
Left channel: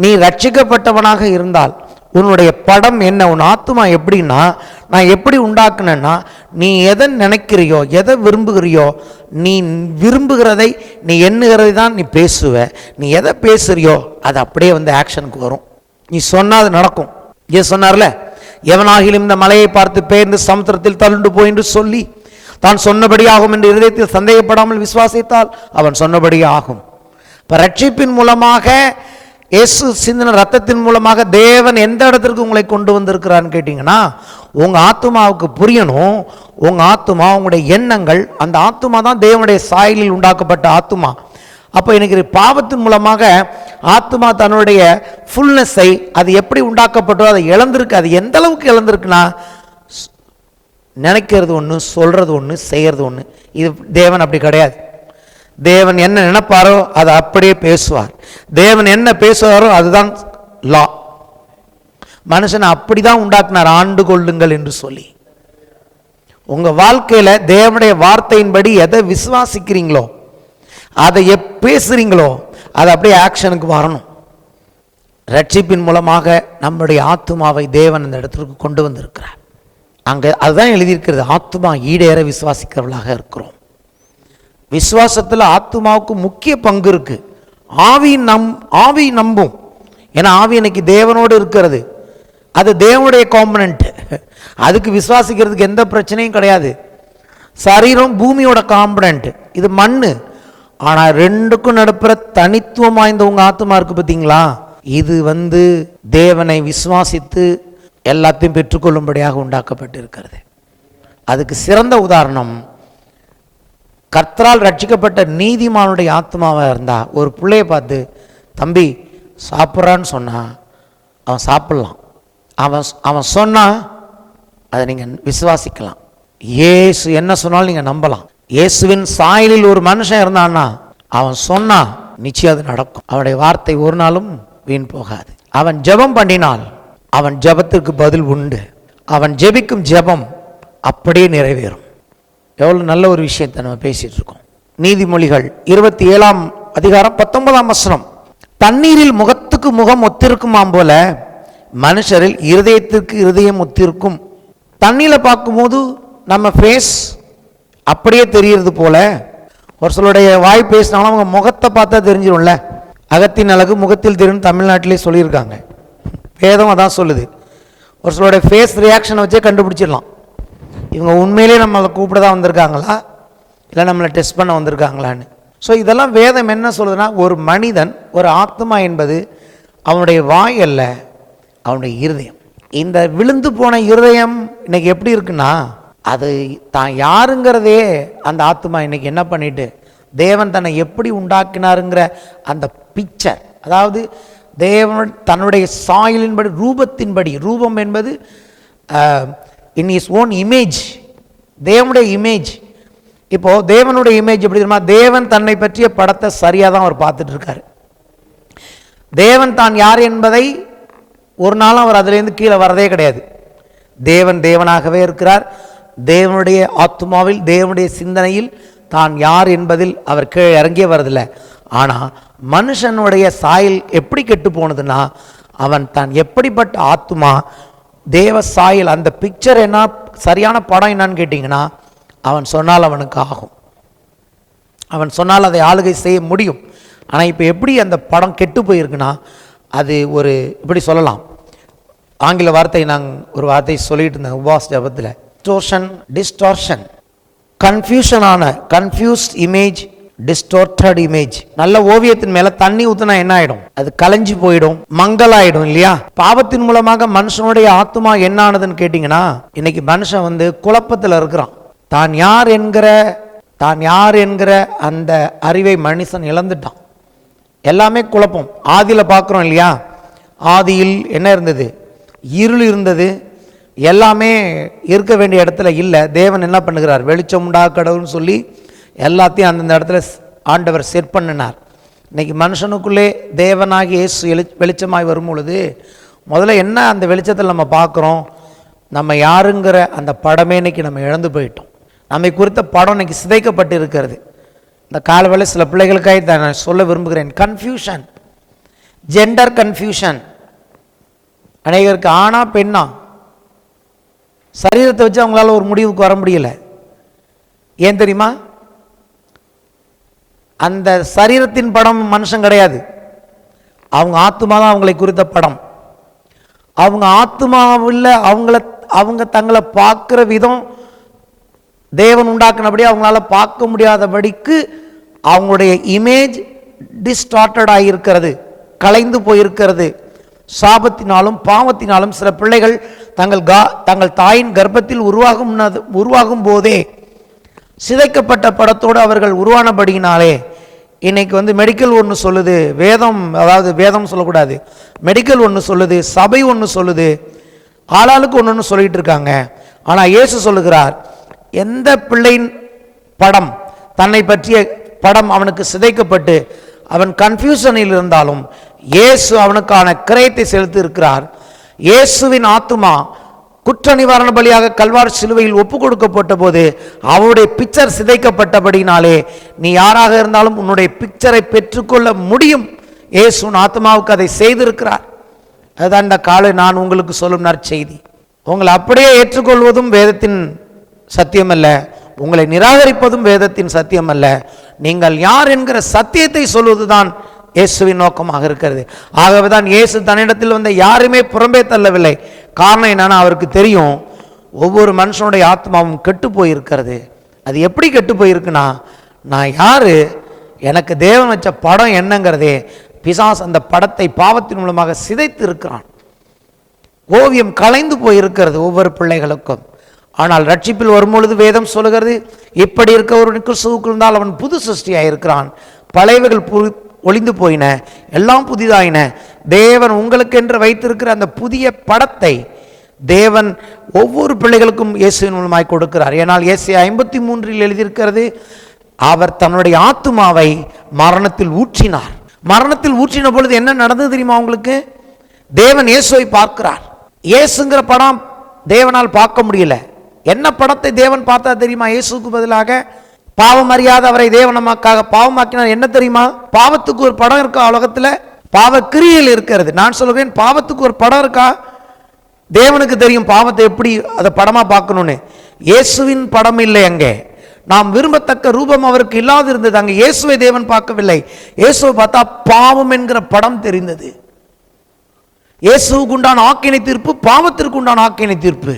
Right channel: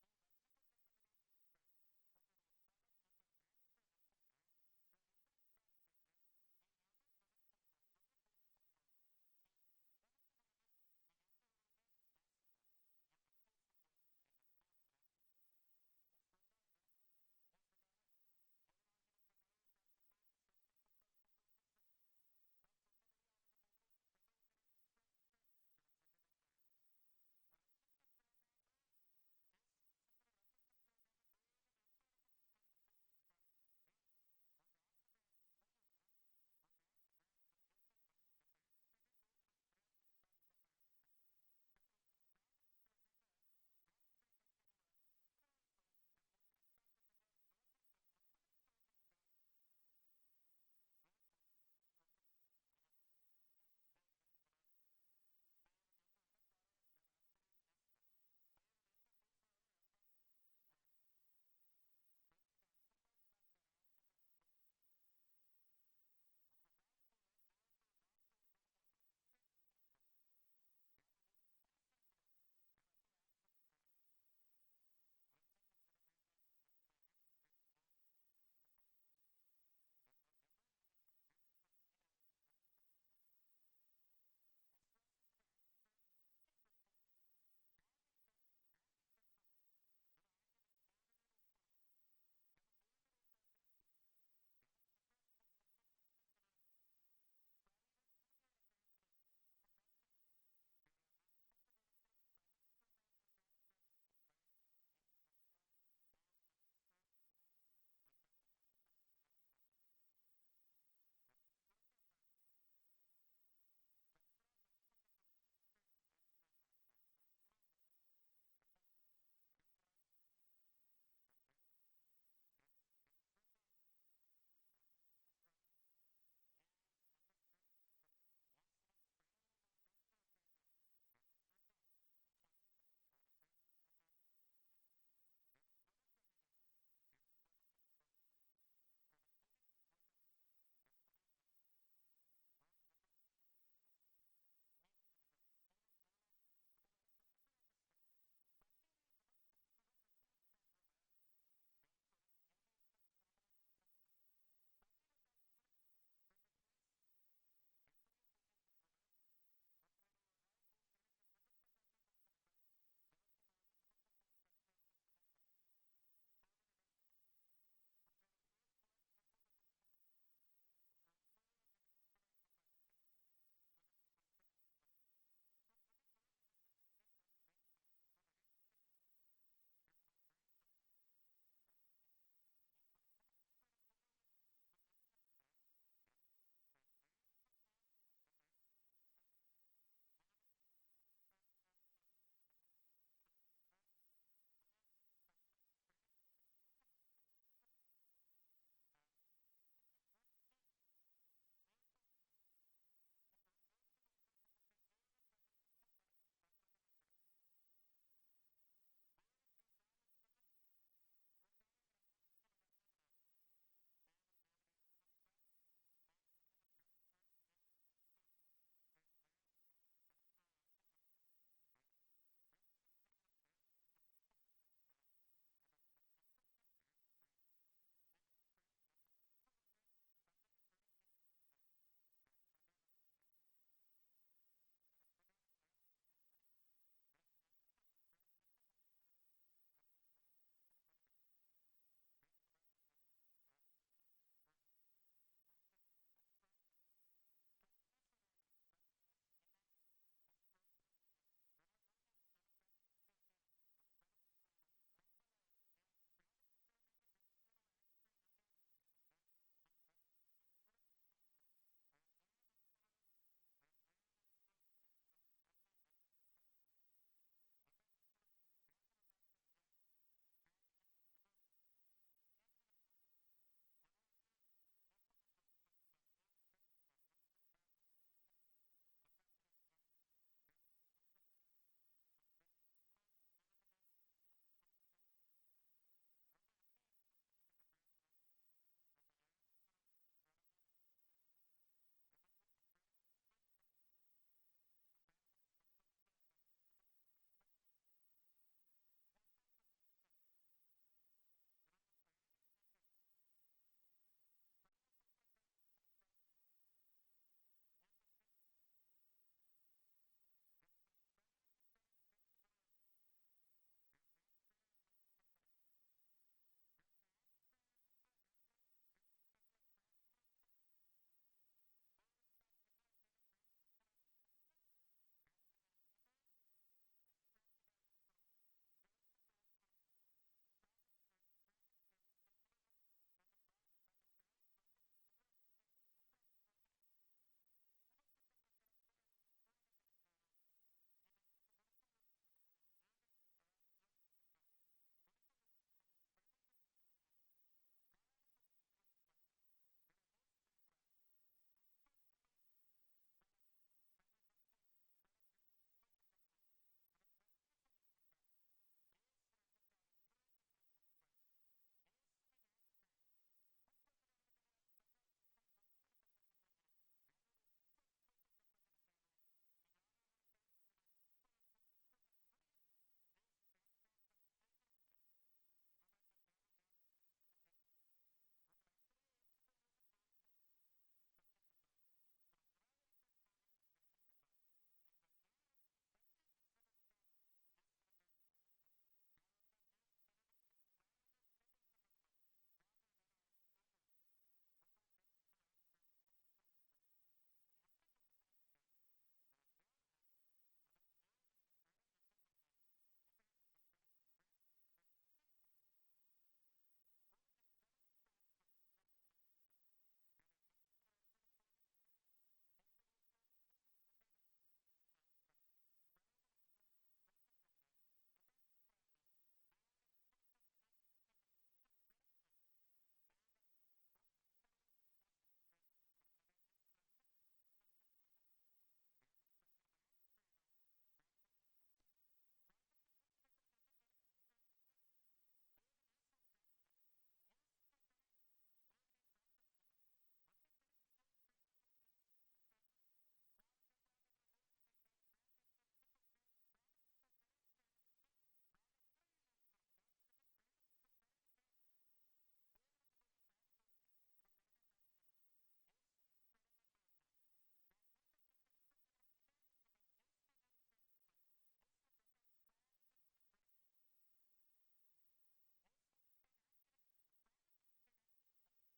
நீ ரட்சிக்கப்பட்டவனாக இருந்தால், உன்னுடைய படம் என்ன, உன் ஆத்துமா எப்படின்னா, நான் எப்படி உண்டாக்குனேன்னா, நீ எதை நினைக்கிறியோ, எதை விரும்புகிறியோ, நீ விரும்புகிறதை, நீ எண்ணுகிறதை தான் நீ பேசுவ. நீ எதை பேசுறியோ அது அப்படியே ஆக்ஷனுக்கு வரும். நீ சொன்னால் அது நடக்கும். ஏன் சொன்னார்ல, எவனாகிலும் இந்த மலையை பார்த்து பெயர்ந்து சமுத்திரத்தில் தள்ளுண்டு போய் என்று சொல்லி தான் சொன்னபடி ஆகும் என்று இருதயத்தில் சந்தேகப்படாமல் விசுவாசித்தால் அவன் சொன்னபடி ஆகும். இப்போ ரட்சிப்பின் மூலமாக இயேசு சிந்தின ரத்தத்தின் மூலமாக தேவன் எந்த இடத்திற்கு உங்களை கொண்டு வந்திருக்கிறான்னு கேட்டீங்கன்னா, உங்க ஆத்துமாவுக்கு புரியணும். உங்க ஆத்துமா, உங்களுடைய எண்ணங்கள், அந்த ஆத்துமா தான் தேவனுடைய சாயலில் உண்டாக்கப்பட்ட ஆத்துமா. அப்போ எனக்கு பாவத்தின் மூலமாக ஆத்துமா தன்னுடைய ஃபுல்னஸை அது எப்படி உண்டாக்கப்பட்டோ அதை இழந்திருக்கு. அது எந்த அளவுக்கு இழந்திருக்குன்னா, நினைக்கிறது ஒன்று, சொல்றது ஒன்று, செய்யறது ஒன்று. இது தேவன் அப்படி கிடையாது. தேவன் என்ன நினைப்பாரோ அதை அப்படியே பேசுவார். தேவன் என்ன பேசுவாரோ அதுதான் லா. மனுஷனை அப்படிதான் உண்டாக்குனார், ஆண்டு கொள்ளுங்கள் என்று சொல்லி. உங்க வாழ்க்கையில தேவனுடைய வார்த்தையின்படி எதை விசுவாசிக்கிறீங்களோ, அதை பேசுறீங்களோ, அது அப்படியே ஆக்ஷனுக்கு வரணும். ரட்சிப்பின் மூலமாக நம்முடைய ஆத்துமாவை தேவன் அந்த இடத்திற்கு கொண்டு வந்திருக்கிறார். அங்கே அதுதான் எழுதியிருக்கிறது, ஆத்துமா ஈடேற விசுவாசிக்கிறவர்களாக இருக்கிறோம். விசுவாசத்தில் ஆத்துமாவுக்கு முக்கிய பங்கு இருக்கு. ஆவி நம்பும். ஏன்னா ஆவி இன்னைக்கு தேவனோடு இருக்கிறது. அது தேவனுடைய காம்பனன்ட். அதுக்கு விசுவாசிக்கிறதுக்கு எந்த பிரச்சனையும் கிடையாது. சரீரம் பூமியோட காம்பனன்ட், இது மண்ணு. ஆனால் ரெண்டுக்கும் நடுப்புற தனித்துவம் வாய்ந்த உங்க ஆத்துமா இருக்கு பார்த்தீங்களா, இது தேவனை விசுவாசித்து எல்லாத்தையும் பெற்றுக்கொள்ளும்படியாக உண்டாக்கப்பட்டிருக்கிறது. அதுக்கு சிறந்த உதாரணம், கர்த்தரால் ரட்சிக்கப்பட்ட நீதிமானுடைய ஆத்மாவாக இருந்தா ஒரு பிள்ளையை பார்த்து, தம்பி சாப்பிட்றான்னு சொன்னா அவன் சாப்பிடலாம். அவன் சொன்னா அதை நீங்க விசுவாசிக்கலாம். இயேசு என்ன சொன்னாலும் நீங்க நம்பலாம். இயேசுவின் சாயலில் ஒரு மனுஷன் இருந்தான்னா அவன் சொன்னா நிச்சயம் அது நடக்கும். அவனுடைய வார்த்தை ஒரு நாளும் வீண் போகாது. அவன் ஜெபம் பண்ணினால் அவன் ஜெபத்திற்கு பதில் உண்டு. அவன் ஜெபிக்கும் ஜெபம் அப்படியே நிறைவேறும். எவ்வளவு நல்ல ஒரு விஷயத்தை நம்ம பேசிட்டு இருக்கோம். நீதிமொழிகள் 27ஆம் அதிகாரம் 19ஆம் வசனம், தண்ணீரில் முகத்துக்கு முகம் ஒத்திருக்குமாம் போல மனுஷரில் இருதயத்திற்கு இருதயம் ஒத்திருக்கும். தண்ணியில் பார்க்கும்போது நம்ம ஃபேஸ் அப்படியே தெரிகிறது போல, ஒரு சிலருடைய வாய் பேசினாலும் அவங்க முகத்தை பார்த்தா தெரிஞ்சிடும்ல. அகத்தின் அழகு முகத்தில் தெரியும் தமிழ்நாட்டிலே சொல்லியிருக்காங்க. வேதம் அதான் சொல்லுது. ஒரு சிலருடைய ஃபேஸ் ரியாக்ஷனை வச்சே கண்டுபிடிச்சிடலாம் இவங்க உண்மையிலே நம்மளை கூப்பிட தான் வந்திருக்காங்களா இல்லை நம்மளை டெஸ்ட் பண்ண வந்திருக்காங்களான்னு. ஸோ இதெல்லாம் வேதம் என்ன சொல்லுதுன்னா, ஒரு மனிதன், ஒரு ஆத்மா என்பது அவனுடைய வாய் அல்ல, அவனுடைய இருதயம். இந்த விழுந்து போன இருதயம் இன்னைக்கு எப்படி இருக்குன்னா, அது தான் யாருங்கிறதே அந்த ஆத்மா இன்னைக்கு என்ன பண்ணிட்டு, தேவன் தன்னை எப்படி உண்டாக்கினாருங்கிற அந்த பிக்சர், அதாவது தேவன் தன்னுடைய சாயலின்படி, ரூபத்தின்படி, ரூபம் என்பது இன் இஸ் ஓன் இமேஜ், தேவனுடைய இமேஜ். இப்போ தேவனுடைய இமேஜ் எப்படி தெரியுமா, தேவன் தன்னை பற்றிய படத்தை சரியாக தான் அவர் பார்த்துட்டு இருக்காரு. தேவன் தான் யார் என்பதை ஒரு நாளும் அவர் அதிலேருந்து கீழே வரதே கிடையாது. தேவன் தேவனாகவே இருக்கிறார். தேவனுடைய ஆத்மாவில், தேவனுடைய சிந்தனையில் தான் யார் என்பதில் அவர் கீழே இறங்கியே வரதில்லை. ஆனால் மனுஷனுடைய சாயல் எப்படி கெட்டு போனதுன்னா, அவன் தான் எப்படிப்பட்ட ஆத்மா, தேவ சாயல், அந்த பிக்சர் என்ன, சரியான படம் என்னன்னு கேட்டிங்கன்னா, அவன் சொன்னால் அவனுக்கு ஆகும், அவன் சொன்னால் அதை ஆளுகை செய்ய முடியும். ஆனால் இப்போ எப்படி அந்த படம் கெட்டு போயிருக்குன்னா, அது ஒரு இப்படி சொல்லலாம், ஆங்கில வார்த்தை நாங்கள் ஒரு வார்த்தை சொல்லிட்டு இருந்தேன் உபவாஸ் ஜபத்தில், டிஸ்டார்ஷன், கன்ஃபியூஷனான, கன்ஃபியூஸ்ட் இமேஜ், டிஸ்டோர்டட் இமேஜ். நல்ல ஓவியத்தின் மேல தண்ணி ஊத்துனா என்ன ஆயிடும், அது கலைஞ்சு போயிடும், மங்கலாயிடும் இல்லையா. பாவத்தின் மூலமாக மனுஷனுடைய ஆத்மா என்ன ஆனதுன்னு கேட்டீங்கன்னா, இன்னைக்கு மனுஷன் குழப்பத்தில் இருக்கிறான். தான் யார் என்கிற அந்த அறிவை மனுஷன் இழந்துட்டான். எல்லாமே குழப்பம். ஆதியில பார்க்குறோம் இல்லையா, ஆதியில் என்ன இருந்தது, இருள் இருந்தது, எல்லாமே இருக்க வேண்டிய இடத்துல இல்லை. தேவன் என்ன பண்ணுகிறார், வெளிச்சம் உண்டா கடவுள்னு சொல்லி எல்லாத்தையும் அந்தந்த இடத்துல ஆண்டவர் செட் பண்ணினார். இன்னைக்கு மனுஷனுக்குள்ளே தேவனாகி இயேசு வெளிச்சமாய் வரும் பொழுது முதல்ல என்ன அந்த வெளிச்சத்தில் நம்ம பார்க்குறோம், நம்ம யாருங்கிற அந்த படமே இன்னைக்கு நம்ம இழந்து போயிட்டோம். நம்மை குறித்த படம் இன்னைக்கு சிதைக்கப்பட்டு இருக்கிறது. இந்த காலவேளை சில பிள்ளைகளுக்காக நான் சொல்ல விரும்புகிறேன், கன்ஃபியூஷன், ஜெண்டர் கன்ஃபியூஷன். அநேகருக்கு ஆணா பெண்ணா, சரீரத்தை வச்சு அவங்களால ஒரு முடிவுக்கு வர முடியல. ஏன் தெரியுமா, அந்த சரீரத்தின் படம் மனுஷன் கிடையாது, அவங்க ஆத்மா தான் அவங்களை குறித்த படம். அவங்க ஆத்மாவில் அவங்க தங்களை பார்க்குற விதம் தேவன் உண்டாக்குனபடி அவங்களால பார்க்க முடியாதபடிக்கு அவங்களுடைய இமேஜ் டிஸ்டார்டட் ஆகியிருக்கிறது, கலைந்து போயிருக்கிறது. சாபத்தினாலும் பாவத்தினாலும் சில பிள்ளைகள் தங்கள் தாயின் கர்ப்பத்தில் உருவாகும் போதே சிதைக்கப்பட்ட படத்தோடு அவர்கள் உருவானபடியினாலே இன்னைக்கு மெடிக்கல் ஒன்று சொல்லுது, வேதம் சொல்லக்கூடாது, மெடிக்கல் ஒன்று சொல்லுது, சபை ஒன்று சொல்லுது, ஆளாளுக்கு ஒன்று சொல்லிட்டு இருக்காங்க. ஆனால் இயேசு சொல்லுகிறார், எந்த பிள்ளையின் படம், தன்னை பற்றிய படம் அவனுக்கு சிதைக்கப்பட்டு அவன் கன்ஃபியூஷனில் இருந்தாலும் இயேசு அவனுக்கான கிரயத்தை செலுத்தி இருக்கிறார். இயேசுவின் ஆத்துமா குற்ற நிவாரண பலியாக கல்வாரி சிலுவையில் ஒப்பு கொடுக்கப்பட்ட போது அவருடைய பிக்சர் சிதைக்கப்பட்டபடினாலே நீ யாராக இருந்தாலும் உன்னுடைய பிக்சரை பெற்றுக்கொள்ள முடியும். இயேசுவின் ஆத்மாவுக்கு அதை செய்திருக்கிறார். அதுதான் இந்த காலை நான் உங்களுக்கு சொல்லும் நற்செய்தி. உங்களை அப்படியே ஏற்றுக்கொள்வதும் வேதத்தின் சத்தியம் அல்ல, உங்களை நிராகரிப்பதும் வேதத்தின் சத்தியம் அல்ல. நீங்கள் யார் என்கிற சத்தியத்தை சொல்வதுதான் இயேசுவின் நோக்கமாக இருக்கிறது. ஆகவே தான் இயேசு தன்னிடத்தில் வந்த யாருமே புறம்பே தள்ளவில்லை. காரணம் என்னன்னா, அவருக்கு தெரியும் ஒவ்வொரு மனுஷனுடைய ஆத்மாவும் கெட்டு போயிருக்கிறது. அது எப்படி கெட்டு போயிருக்குன்னா, நான் யாரு, எனக்கு தேவன் வச்ச படம் என்னங்கிறதே பிசாசு அந்த படத்தை பாவத்தின் மூலமாக சிதைத்து இருக்கிறான். ஓவியம் கலைந்து போயிருக்கிறது ஒவ்வொரு பிள்ளைகளுக்கும். ஆனால் ரட்சிப்பில் வரும்பொழுது வேதம் சொல்லுகிறது, இப்படி இருக்கவனுக்கு கிறிஸ்துவுக்குள் இருந்தால் அவன் புது சிருஷ்டியாக இருக்கிறான், பழையவைகள் ஒளிந்து போயின, எல்லாம் புதிதாயின. தேவன் உங்களுக்கு என்று வைத்திருக்கிற அந்த புதிய படத்தை தேவன் ஒவ்வொரு பிள்ளைகளுக்கும் இயேசுவின் மூலமாய் கொடுக்கிறார். ஏனால் ஏசாயா 53 எழுதியிருக்கிறது, அவர் தன்னுடைய ஆத்துமாவை மரணத்தில் ஊற்றினார். மரணத்தில் ஊற்றின பொழுது என்ன நடந்தது தெரியுமா உங்களுக்கு? தேவன் இயேசுவை பார்க்கிறார். இயேசுங்கிற படம் தேவனால் பார்க்க முடியல. என்ன படத்தை தேவன் பார்த்தா தெரியுமா? இயேசுக்கு பதிலாக பாவம் அறியாத அவரை தேவன் நமக்காக பாவமாக்கினார். என்ன தெரியுமா? பாவத்துக்கு ஒரு படம் இருக்கா உலகத்தில்? பாவ கிரியையில் இருக்கிறது. நான் சொல்லுவேன், பாவத்துக்கு ஒரு படம் இருக்கா? தேவனுக்கு தெரியும் பாவத்தை எப்படி அதை படமா பார்க்கணும்னு. இயேசுவின் படம் இல்லை அங்கே. நாம் விரும்பத்தக்க ரூபம் அவருக்கு இல்லாது இருந்தது. அங்கே இயேசுவை தேவன் பார்க்கவில்லை. இயேசுவை பார்த்தா பாவம் என்கிற படம் தெரிந்தது. இயேசுவுக்கு உண்டான ஆக்கினை தீர்ப்பு, பாவத்திற்கு உண்டான ஆக்கினை தீர்ப்பு.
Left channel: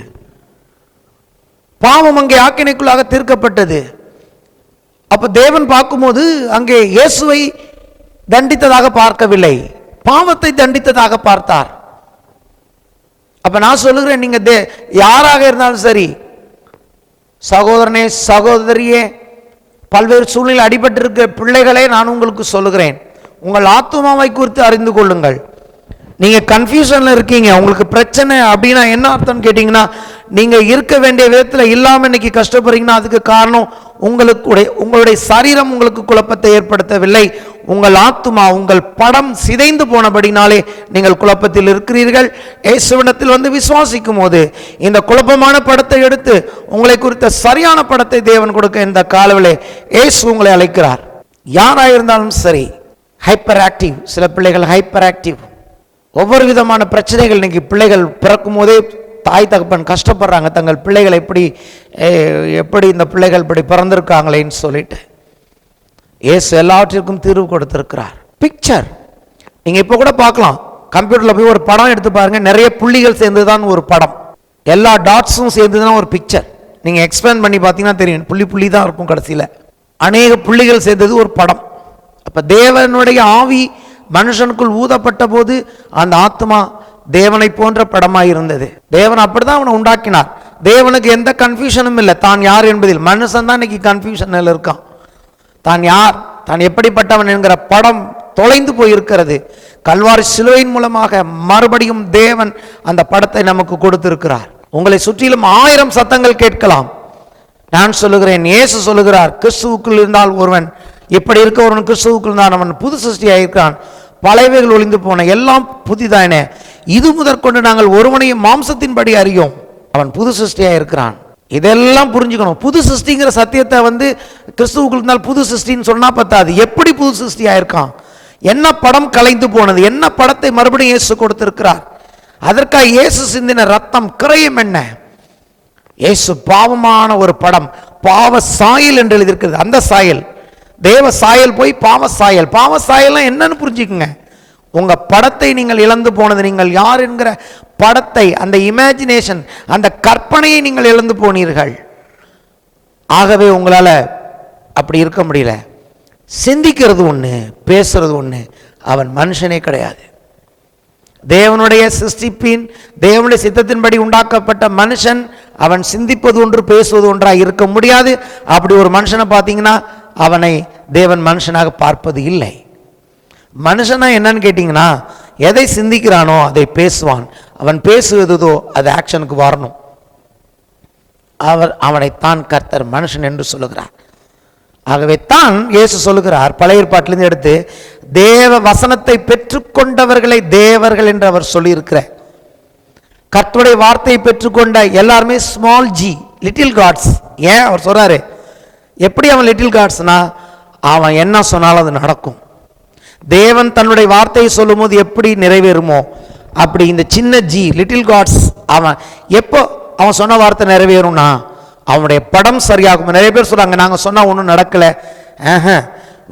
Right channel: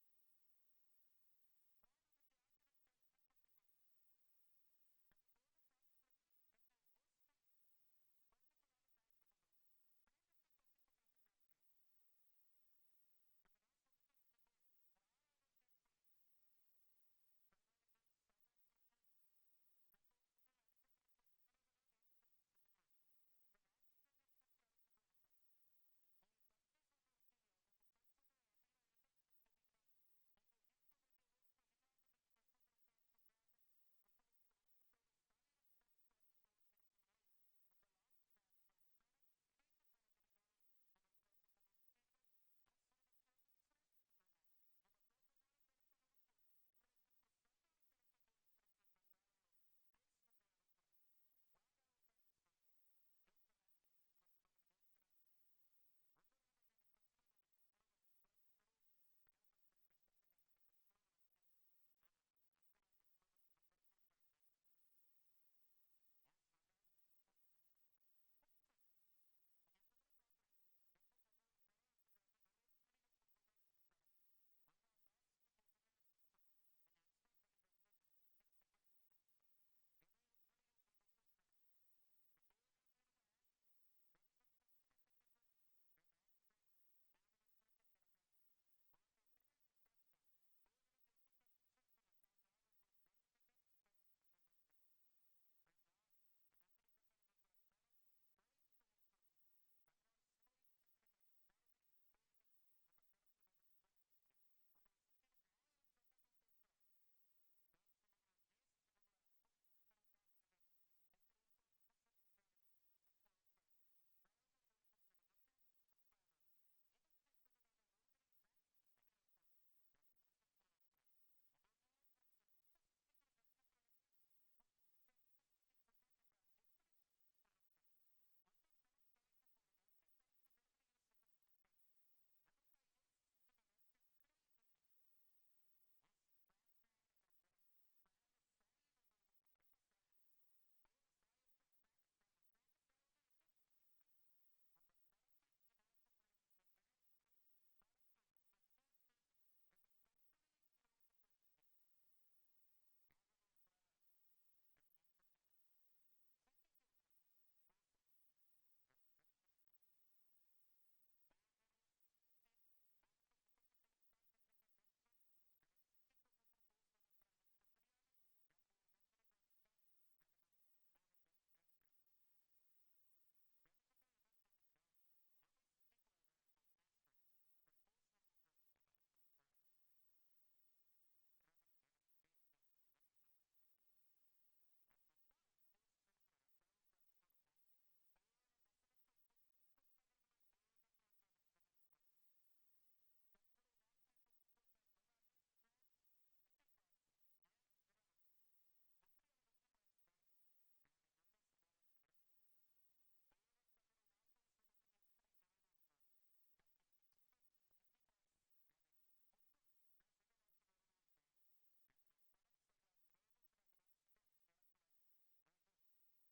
பாவம் அங்கே ஆக்கினைக்குள்ளாக தீர்க்கப்பட்டது. அப்ப தேவன் பார்க்கும்போது அங்கே இயேசுவை தண்டித்ததாக பார்க்கவில்லை, பாவத்தை தண்டித்ததாக பார்த்தார். அப்ப நான் சொல்லுகிறேன், நீங்க யாராக இருந்தாலும் சரி, சகோதரனே சகோதரியே, பல்வேறு சூழ்நிலை அடிபட்டிருக்கிற பிள்ளைகளே, நான் உங்களுக்கு சொல்லுகிறேன், உங்கள் ஆத்துமாவை குறித்து அறிந்து கொள்ளுங்கள். நீங்க கன்ஃபியூஷன்ல இருக்கீங்க, உங்களுக்கு பிரச்சனை அப்படின்னா என்ன அர்த்தம் கேட்டீங்கன்னா, நீங்க இருக்க வேண்டிய விதத்தில் இல்லாம இன்னைக்கு கஷ்டப்படுறீங்கன்னா அதுக்கு காரணம் உங்களுடைய சரீரம் உங்களுக்கு குழப்பத்தை ஏற்படுத்தவில்லை. உங்கள் ஆத்துமா, உங்கள் படம் சிதைந்து போனபடினாலே நீங்கள் குழப்பத்தில் இருக்கிறீர்கள். இயேசுவிடத்தில் விசுவாசிக்கும் போது இந்த குழப்பமான படத்தை எடுத்து உங்களை குறித்த சரியான படத்தை தேவன் கொடுக்க இந்த காலவிலே இயேசு உங்களை அழைக்கிறார். யாராயிருந்தாலும் சரி, ஹைப்பர் ஆக்டிவ். சில பிள்ளைகள் ஹைப்பர் ஆக்டிவ். ஒவ்வொரு விதமான பிரச்சனைகள் இன்னைக்கு பிள்ளைகள் பிறக்கும் போதே தாய் தகப்பன் கஷ்டப்படுறாங்க, தங்கள் பிள்ளைகள் எப்படி இந்த பிள்ளைகள் இப்படி பிறந்திருக்காங்களேன்னு சொல்லிட்டு. இயேசு எல்லாவற்றிற்கும் தீர்வு கொடுத்திருக்கிறார். பிக்சர் நீங்க இப்ப கூட பார்க்கலாம், கம்ப்யூட்டர்ல போய் ஒரு படம் எடுத்து பாருங்க, நிறைய புள்ளிகள் சேர்ந்துதான் ஒரு படம், எல்லா டாட்ஸும் சேர்ந்துதான் ஒரு பிக்சர். நீங்க எக்ஸ்பேண்ட் பண்ணி பார்த்தீங்கன்னா தெரியும், புள்ளி புள்ளி தான் இருக்கும் கடைசியில், அநேக புள்ளிகள் சேர்ந்தது ஒரு படம். அப்ப தேவனுடைய ஆவி மனுஷனுக்குள் ஊதப்பட்ட போது அந்த ஆத்மா தேவனை போன்ற படமாய் இருந்தது. தேவன் அப்படிதான் அவனை உண்டாக்கினார். தேவனுக்கு எந்த கன்ஃபியூஷனும் இல்லை தான் யார் என்பதில். மனுஷன் தான் இன்னைக்கு கன்ஃபியூஷனில் இருக்கான். தான் யார், தான் எப்படிப்பட்டவன் என்கிற படம் தொலைந்து போயிருக்கிறது. கல்வாரி சிலுவையின் மூலமாக மறுபடியும் தேவன் அந்த படத்தை நமக்கு கொடுத்திருக்கிறார். உங்களை சுற்றிலும் 1000 சத்தங்கள் கேட்கலாம். நான் சொல்லுகிறேன், இயேசு சொல்லுகிறார், கிறிஸ்துவுக்குள் இருந்தால் ஒருவன், இப்படி இருக்க ஒருவன் கிறிஸ்துவுக்குள் இருந்தான், அவன் புது சிருஷ்டியாக இருக்கிறான், பழையவைகள் ஒளிந்து போன, எல்லாம் புதிதாயின. இது முதற்கொண்டு நாங்கள் ஒருவனையும் மாம்சத்தின்படி அறியோம், அவன் புது சிருஷ்டியாக இருக்கிறான். இதெல்லாம் புரிஞ்சுக்கணும். புது சிருஷ்டிங்கிற சத்தியத்தை கிறிஸ்துவுக்குள் இருந்தால் புது சிருஷ்டின்னு சொன்னா பத்தாது. எப்படி புது சிருஷ்டியாக இருக்கான், என்ன படம் கலைந்து போனது, என்ன படத்தை மறுபடியும் இயேசு கொடுத்திருக்கிறார். அதற்காக இயேசு சிந்தின ரத்தம் கிரயம் என்ன? இயேசு பாவமான ஒரு படம், பாவ சாயல் என்று எழுதியிருக்கிறது. அந்த சாயல் தேவ சாயல் போய் பாவ சாயல். பாவ சாயல்லாம் என்னன்னு புரிஞ்சுக்குங்க. உங்க படத்தை நீங்கள் இழந்து போனது, நீங்கள் யார் என்கிற படத்தை, அந்த இமேஜினேஷன், அந்த கற்பனையை நீங்கள் இழந்து போனீர்கள். ஆகவே உங்களால அப்படி இருக்க முடியல. சிந்திக்கிறது ஒண்ணு, பேசுறது ஒண்ணு, அவன் மனுஷனே கிடையாது. தேவனுடைய சிருஷ்டிப்பின் தேவனுடைய சித்தத்தின்படி உண்டாக்கப்பட்ட மனுஷன் அவன் சிந்திப்பது ஒன்று பேசுவது ஒன்றாக இருக்க முடியாது. அப்படி ஒரு மனுஷனை பார்த்தீங்கன்னா அவனை தேவன் மனுஷனாக பார்ப்பது இல்லை. மனுஷனா என்னன்னு கேட்டிங்கன்னா, எதை சிந்திக்கிறானோ அதை பேசுவான். அவன் பேசுவதோ அது ஆக்ஷனுக்கு வரணும். அவனைத்தான் கர்த்தர் மனுஷன் என்று சொல்லுகிறார். ஆகவே தான் இயேசு சொல்லுகிறார், பழைய ஏற்பாட்டிலிருந்து எடுத்து, தேவ வசனத்தை பெற்றுக்கொண்டவர்களை தேவர்கள் என்று அவர் சொல்லியிருக்கிறார். கர்த்தருடைய வார்த்தையை பெற்றுக்கொண்ட எல்லாருமே ஸ்மால் ஜி, லிட்டில் காட்ஸ். ஏன் அவர் சொல்றாரு? எப்படி அவன் லிட்டில் காட்ஸ்னா, அவன் என்ன சொன்னாலும் அது நடக்கும். தேவன் தன்னுடைய வார்த்தையை சொல்லும் போது எப்படி நிறைவேறுமோ அப்படி இந்த சின்ன ஜி, லிட்டில் காட்ஸ், அவன் எப்போ அவன் சொன்ன வார்த்தை நிறைவேறும்னா அவனுடைய படம் சரியாகும். நிறைய பேர் சொல்றாங்க, நாங்கள் சொன்னால் ஒன்றும் நடக்கலை.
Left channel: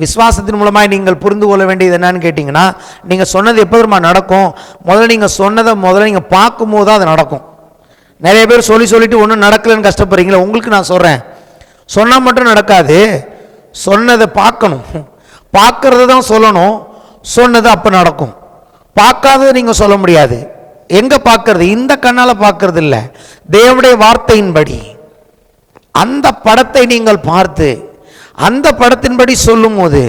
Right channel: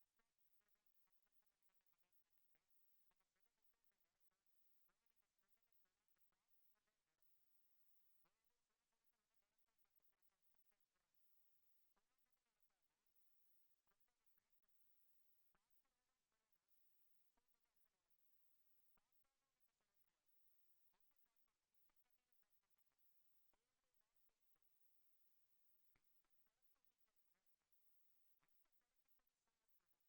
விசுவாசத்தின் மூலமாக நீங்கள் புரிந்து கொள்ள வேண்டியது என்னன்னு கேட்டிங்கன்னா, நீங்கள் சொன்னது எப்போதுமா நடக்கும்? முதல்ல நீங்கள் சொன்னதை நீங்கள் பார்க்கும்போது தான் அது நடக்கும். நிறைய பேர் சொல்லிட்டு ஒன்றும் நடக்கலைன்னு கஷ்டப்படுறீங்களா? உங்களுக்கு நான் சொல்கிறேன், சொன்னால் மட்டும் நடக்காது. சொன்னதை பார்க்கணும், பார்க்கறது தான் சொல்லணும். சொன்னது அப்போ நடக்கும். பார்க்காதது நீங்கள் சொல்ல முடியாது. எங்கே பார்க்கறது? இந்த கண்ணால் பார்க்கறது இல்லை, தேவனுடைய வார்த்தையின்படி அந்த படத்தை நீங்கள் பார்த்து அந்த படத்தின்படி சொல்லும் போது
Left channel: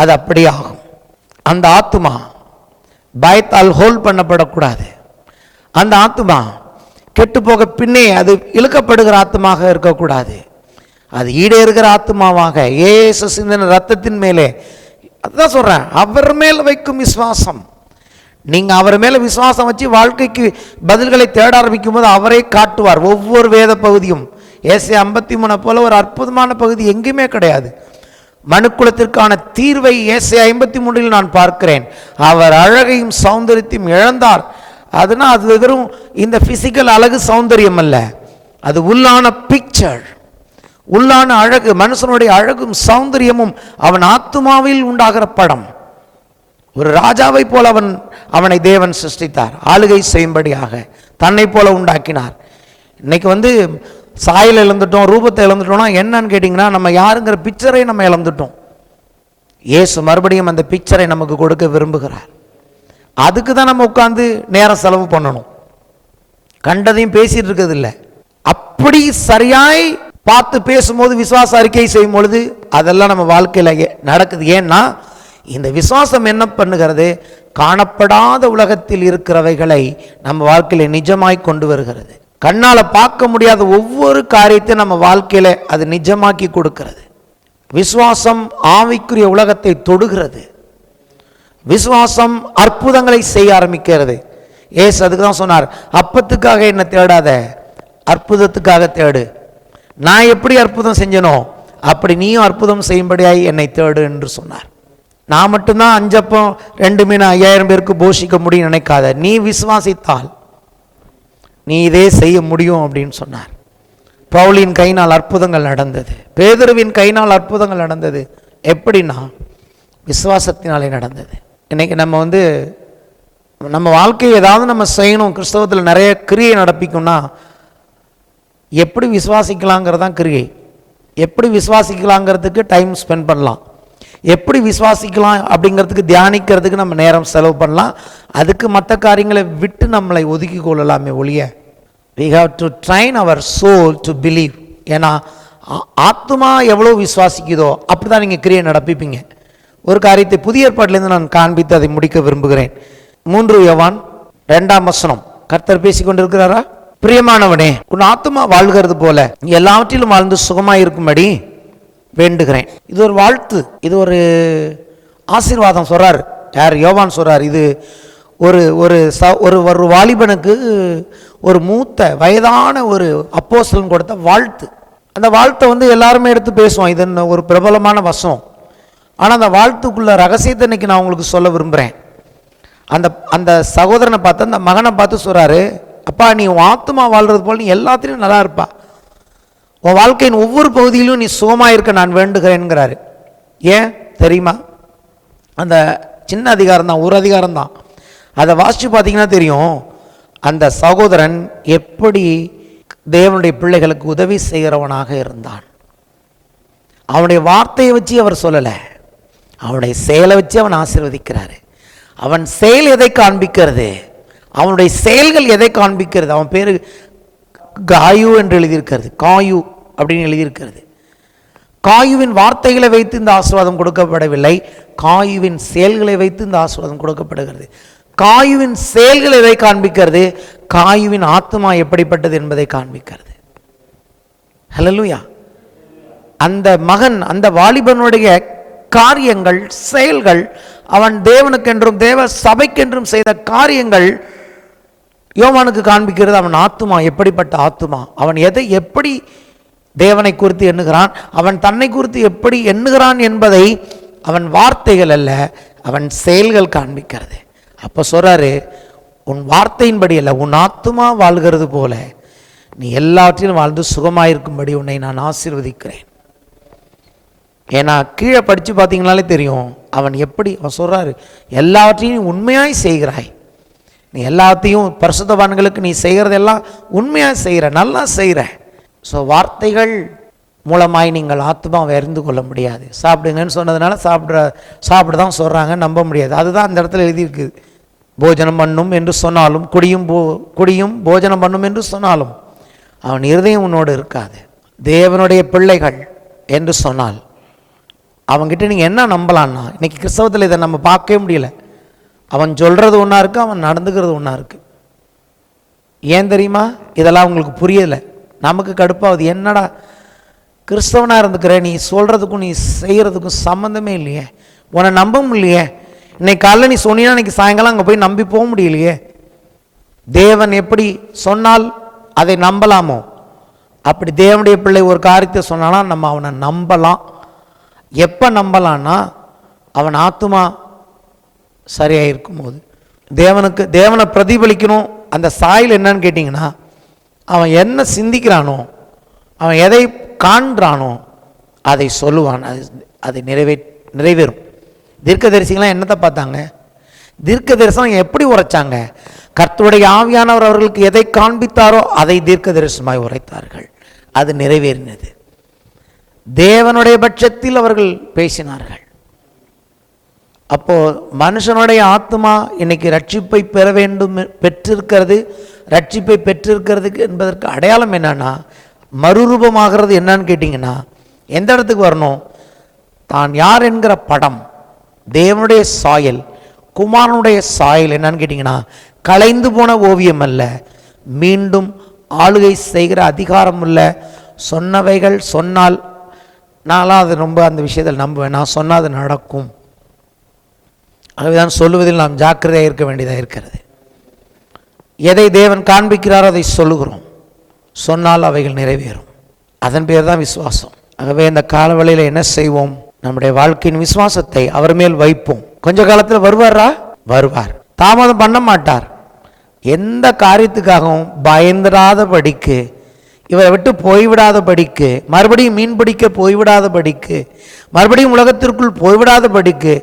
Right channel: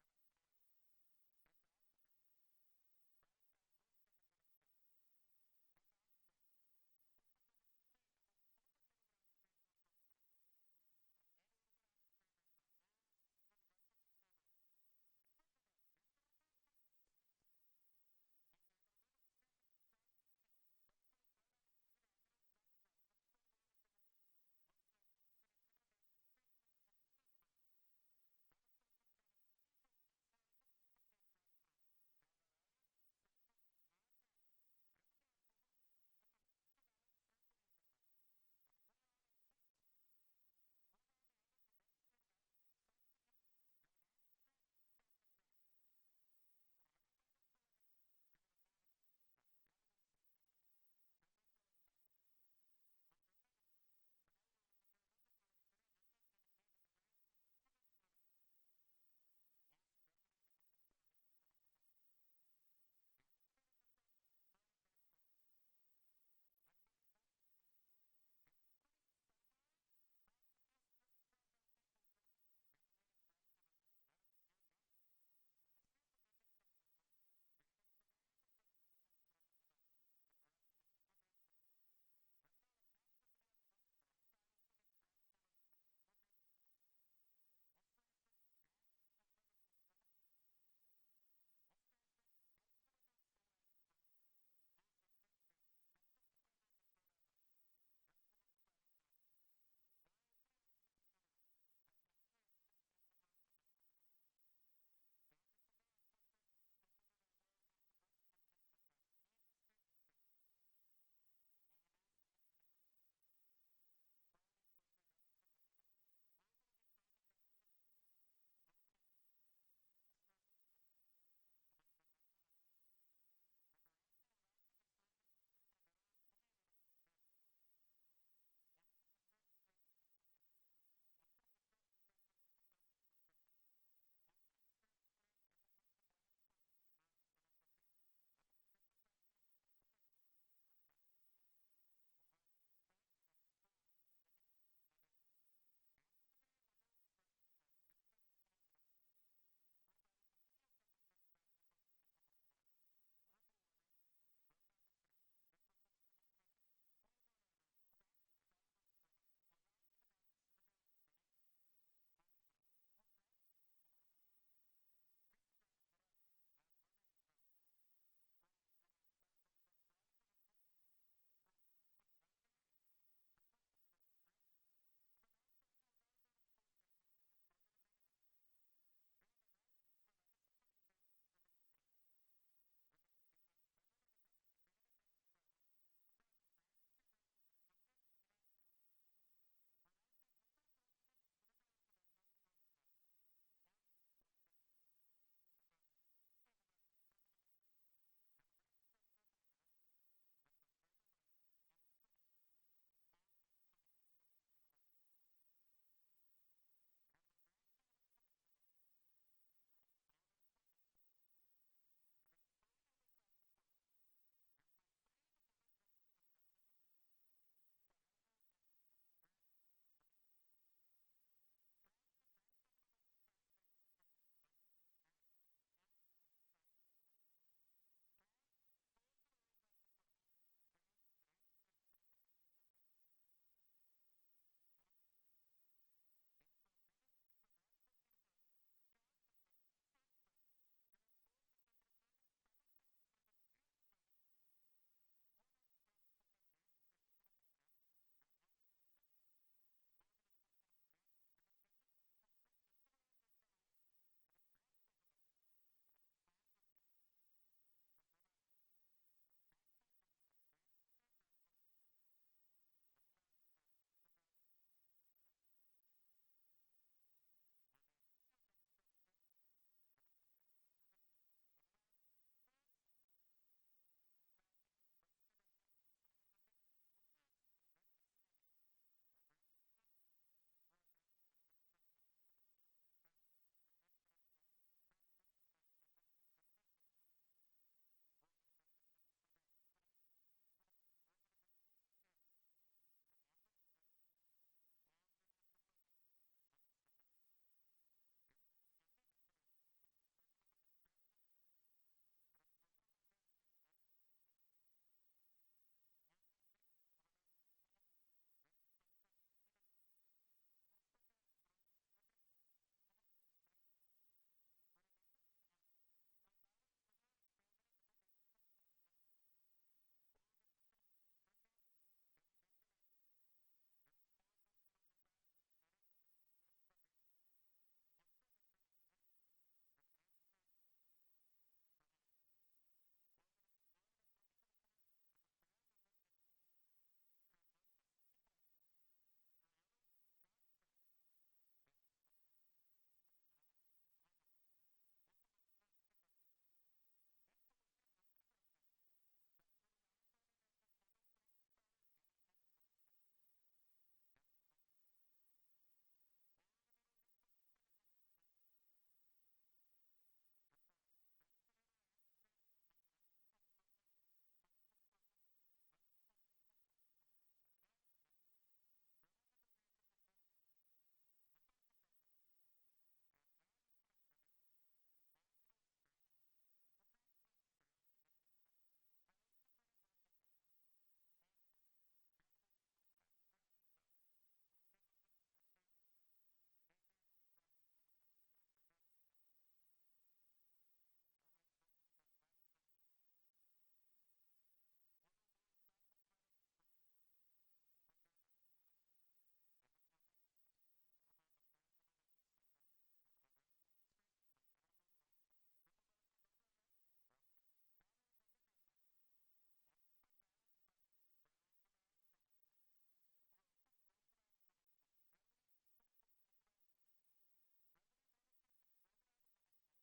அது அப்படி ஆகும். அந்த ஆத்துமா பயத்தால் ஹோல்ட் பண்ணப்படக்கூடாது. அந்த ஆத்துமா கெட்டு போக பின்னே அது இழுக்கப்படுகிற ஆத்துமாக இருக்கக்கூடாது. அது ஈடேறுகிற ஆத்துமாவாக இயேசு சிந்தின ரத்தத்தின் மேலே, அதுதான் சொல்றேன், அவர் மேல் வைக்கும் விசுவாசம். நீங்க அவர் மேல விசுவாசம் வச்சு வாழ்க்கைக்கு பதில்களை தேட ஆரம்பிக்கும் போது அவரே காட்டுவார். ஒவ்வொரு வேத பகுதியும் ஏசாயா 53 போல ஒரு அற்புதமான பகுதி எங்குமே கிடையாது. மனுக்குலத்திற்கான தீர்வை ஏசாயா 53 நான் பார்க்கிறேன். அவர் அழகையும் சௌந்தரியத்தையும் இழந்தார். அதுனா அது வெறும் இந்த பிசிக்கல் அழகு சௌந்தரியம் அல்ல, அது உள்ளான பிக்சர், உள்ளான அழகு. மனுஷனுடைய அழகும் சௌந்தரியமும் அவன் ஆத்துமாவில் உண்டாகிற படம். ஒரு ராஜாவை போல அவனை தேவன் சிருஷ்டித்தார், ஆளுகை செய்யும்படியாக தன்னை போல உண்டாக்கினார். இன்னைக்கு சாயல் இழந்துட்டோம், ரூபத்தை இழந்துட்டோம்னா என்னன்னு கேட்டிங்கன்னா, நம்ம யாருங்கிற பிக்சரை நம்ம இழந்துட்டோம். இயேசு மறுபடியும் அந்த பிக்சரை நமக்கு கொடுக்க விரும்புகிறார். அதுக்கு தான் நம்ம உட்கார்ந்து நேரம் செலவு பண்ணணும். கண்டதையும் பேசிட்டு இருக்கிறது இல்லை. அப்படி சரியாய் பார்த்து பேசும்போது, விசுவாச அறிக்கை செய்யும் பொழுது அதெல்லாம் நம்ம வாழ்க்கையில் நடக்குது. ஏன்னா இந்த விசுவாசம் என்ன பண்ணுகிறது? காணப்படாத உலகத்தில் இருக்கிறவைகளை நம்ம வாழ்க்கையில் நிஜமாய் கொண்டு வருகிறது. கண்ணால் பார்க்க முடியாத ஒவ்வொரு காரியத்தையும் நம்ம வாழ்க்கையில அது நிஜமாக்கி கொடுக்கிறது. விசுவாசம் ஆவிக்குரிய உலகத்தை தொடுகிறது. விசுவாசம் அற்புதங்களை செய்ய ஆரம்பிக்கிறது. ஏசு அதுக்கு தான் சொன்னார், அப்பத்துக்காக என்ன தேடாத, அற்புதத்துக்காக தேடு. நான் எப்படி அற்புதம் செஞ்சனோ அப்படி நீயும் அற்புதம் செய்யும்படியாய் என்னை தேடு என்று சொன்னார். நான் மட்டும்தான் 5 அப்பம் 2 மீன் 5000 பேருக்கு போஷிக்க முடியும் நினைக்காத, நீ விசுவாசித்தால் நீ இதே செய்ய முடியும் அப்படின்னு சொன்னார். பவுலின் கையினால் அற்புதங்கள் நடந்தது, பேதுருவின் கையினால் அற்புதங்கள் நடந்தது. எப்படின்னா விசுவாசத்தினாலே நடந்தது. இன்னைக்கு நம்ம வாழ்க்கையை ஏதாவது நம்ம செய்யணும், கிறிஸ்தவத்தில் நிறைய கிரியை நடப்பிக்கும்னா எப்படி விசுவாசிக்கலாங்கிறதான் கிரியை. எப்படி விசுவாசிக்கலாங்கிறதுக்கு டைம் ஸ்பெண்ட் பண்ணலாம், எப்படி விசுவாசிக்கலாம் அப்படிங்கிறதுக்கு தியானிக்கிறதுக்கு நம்ம நேரம் செலவு பண்ணலாம். அதுக்கு மற்ற காரியங்களை விட்டு நம்மளை ஒதுக்கி கொள்ளலாமே ஒழிய, we have to train our soul to believe. ஏன்னா ஆத்மா எவ்வளோ விசுவாசிக்குதோ அப்படி தான் நீங்கள் கிரியை நடப்பிப்பீங்க. ஒரு காரியத்தை புதிய ஏற்பாட்டிலேருந்து நான் காண்பித்து அதை முடிக்க விரும்புகிறேன். 3 யோவான் 2 கர்த்தர் பேசி கொண்டிருக்கிறாரா? பிரியமானவனே, உன் ஆத்மா வாழ்கிறது போல எல்லாவற்றிலும் வாழ்ந்து சுகமாக இருக்கும்படி வேண்டுகிறேன். இது ஒரு வாழ்த்து, இது ஒரு ஆசீர்வாதம் சொல்றார். யார்? யோவான் சொல்றார். இது ஒரு ஒரு வாலிபனுக்கு ஒரு மூத்த வயதான ஒரு அப்போஸ்தலன் கொடுத்த வாழ்த்து. அந்த வாழ்த்தை எல்லாருமே எடுத்து பேசுவோம், இது ஒரு பிரபலமான வசனம். ஆனால் அந்த வாழ்த்துக்குள்ள ரகசியத்தை இன்னைக்கு நான் உங்களுக்கு சொல்ல விரும்புகிறேன். அந்த சகோதரனை பார்த்து, அந்த மகனை பார்த்து சொல்றாரு, அப்பா நீ உன் ஆத்மா வாழ்றது போல் நீ எல்லாத்திலையும் நல்லா இருப்பா, உன் வாழ்க்கையின் ஒவ்வொரு பகுதியிலும் நீ சுகமாக இருக்க நான் வேண்டுகிறேன்கிறாரு. ஏன் தெரியுமா? அந்த சின்ன அதிகாரம் தான், ஒரு அதிகாரம் தான். அதை வாசித்து பார்த்தீங்கன்னா தெரியும், அந்த சகோதரன் எப்படி தேவனுடைய பிள்ளைகளுக்கு உதவி செய்கிறவனாக இருந்தான். அவனுடைய வார்த்தையை வச்சு அவர் சொல்லலை, அவனுடைய செயலை வச்சு அவன் ஆசீர்வதிக்கிறாரு. அவன் செயல் எதை காண்பிக்கிறது? அவனுடைய செயல்கள் எதை காண்பிக்கிறது? அவன் பேரு காயு என்று எழுதியிருக்கிறது, காயு அப்படின்னு எழுதியிருக்கிறது. காயுவின் வார்த்தைகளை வைத்து இந்த ஆசீர்வாதம் கொடுக்கப்படவில்லை, காயுவின் செயல்களை வைத்து இந்த ஆசீர்வாதம் கொடுக்கப்படுகிறது. காயுவின் செயல்கள் எதை காண்பிக்கிறது? காயுவின் ஆத்மா எப்படிப்பட்டது என்பதை காண்பிக்கிறது. ஹல்லேலூயா. அந்த மகன், அந்த வாலிபனுடைய காரியங்கள், செயல்கள், அவன் தேவனுக்கென்றும் தேவ சபைக்கென்றும் செய்த காரியங்கள் யோவானுக்கு காண்பிக்கிறது அவன் ஆத்துமா எப்படிப்பட்ட ஆத்துமா, அவன் எதை எப்படி தேவனை குறித்து எண்ணுகிறான், அவன் தன்னை குறித்து எப்படி எண்ணுகிறான் என்பதை அவன் வார்த்தைகள் அல்ல, அவன் செயல்கள் காண்பிக்கிறது. அப்போ சொல்றாரு, உன் வார்த்தையின்படி அல்ல, உன் ஆத்துமா வாழ்கிறது போல நீ எல்லாவற்றிலும் வாழ்ந்து சுகமாயிருக்கும்படி உன்னை நான் ஆசீர்வதிக்கிறேன். ஏன்னா கீழே படித்து பார்த்தீங்கனாலே தெரியும் அவன் எப்படி. அவன் சொல்றாரு, எல்லாவற்றையும் உண்மையாய் செய்கிறாய், நீ எல்லாத்தையும் பரிசுத்தவான்களுக்கு நீ செய்கிறதெல்லாம் உண்மையாக செய்கிற, நல்லா செய்கிற. ஸோ வார்த்தைகள் மூலமாய் நீங்கள் ஆத்மாவை அறிந்து கொள்ள முடியாது. சாப்பிடுங்கன்னு சொன்னதுனால சாப்பிட தான் சொல்கிறாங்க, நம்ப முடியாது. அதுதான் அந்த இடத்துல எழுதியிருக்குது. போஜனம் பண்ணும் என்று சொன்னாலும், குடியும் போஜனம் பண்ணும் என்று சொன்னாலும் அவன் இருதயம் உன்னோடு இருக்காது. தேவனுடைய பிள்ளைகள் என்று சொன்னால் அவன்கிட்ட நீங்கள் என்ன நம்பலான்னா, இன்றைக்கி கிறிஸ்தவத்தில் இதை நம்ம பார்க்கவே முடியல. அவன் சொல்கிறது ஒன்றா இருக்குது, அவன் நடந்துக்கிறது ஒன்றா இருக்குது. ஏன் தெரியுமா? இதெல்லாம் உங்களுக்கு புரியலை, நமக்கு கடுப்பாகுது. என்னடா கிறிஸ்தவனாக இருந்துக்கிற, நீ சொல்கிறதுக்கும் நீ செய்கிறதுக்கும் சம்மந்தமே இல்லையே, உன்னை நம்ப முடியலையே. இன்னைக்கு காலையில் நீ சொன்னீங்கன்னா இன்னைக்கு சாயங்காலம் அங்கே போய் நம்பி போக முடியலையே. தேவன் எப்படி சொன்னால் அதை நம்பலாமோ அப்படி தேவனுடைய பிள்ளை ஒரு காரியத்தை சொன்னானா நம்ம அவனை நம்பலாம். எப்போ நம்பலான்னா அவன் ஆத்துமா சரியாக இருக்கும்போது. தேவனை பிரதிபலிக்கணும். அந்த சாயல் என்னன்னு கேட்டிங்கன்னா, அவன் என்ன சிந்திக்கிறானோ, அவன் எதை காண்றானோ அதை சொல்லுவான், அது நிறைவேறும். தீர்க்கதரிசிகளாம் என்னத்தை பார்த்தாங்க? தீர்க்க தரிசனம் எப்படி உரைச்சாங்க? கர்த்தருடைய ஆவியானவர் அவர்களுக்கு எதை காண்பித்தாரோ அதை தீர்க்க தரிசனமாய் உரைத்தார்கள். அது நிறைவேறினது. தேவனுடைய பட்சத்தில் அவர்கள் பேசினார்கள். அப்போ மனுஷனுடைய ஆத்மா இன்னைக்கு ரட்சிப்பை பெற வேண்டும், பெற்றிருக்கிறது. ரட்சிப்பை பெற்றிருக்கிறதுக்கு என்பதற்கு அடையாளம் என்னன்னா, மறுரூபமாகிறது என்னன்னு கேட்டிங்கன்னா, எந்த இடத்துக்கு வரணும்? தான் யார் என்கிற படம், தேவனுடைய சாயல், குமாரனுடைய சாயல் என்னன்னு கேட்டிங்கன்னா, கலைந்து போன ஓவியம் அல்ல, மீண்டும் ஆளுகை செய்கிற அதிகாரம் உள்ள. சொன்னவைகள் சொன்னால் நான்லாம் அது ரொம்ப அந்த விஷயத்தில் நம்புவேன். நான் சொன்னால் அது நடக்கும். ஆகவேதான் சொல்லுவதில் நாம் ஜாக்கிரதையாக இருக்க வேண்டியதாக இருக்கிறது. எதை தேவன் காண்பிக்கிறாரோ அதை சொல்லுகிறோம், சொன்னால் அவைகள் நிறைவேறும். அதன் பேர் தான் விசுவாசம். ஆகவே இந்த காலவெளியில் என்ன செய்வோம்? நம்முடைய வாழ்க்கையின் விசுவாசத்தை அவர் மேல் வைப்போம். கொஞ்ச காலத்தில் வருவாரா? வருவார். தாமதம் பண்ண மாட்டார். எந்த காரியத்துக்காகவும் பயந்துடாதபடிக்கு, இவரை விட்டு போய்விடாதபடிக்கு, மறுபடியும் மீன் பிடிக்க போய்விடாதபடிக்கு, மறுபடியும் உலகத்திற்குள் போய்விடாதபடிக்கு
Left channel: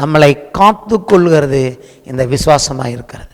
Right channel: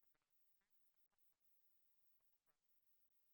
நம்மளை காத்து கொள்கிறது இந்த விசுவாசமாக இருக்கிறது.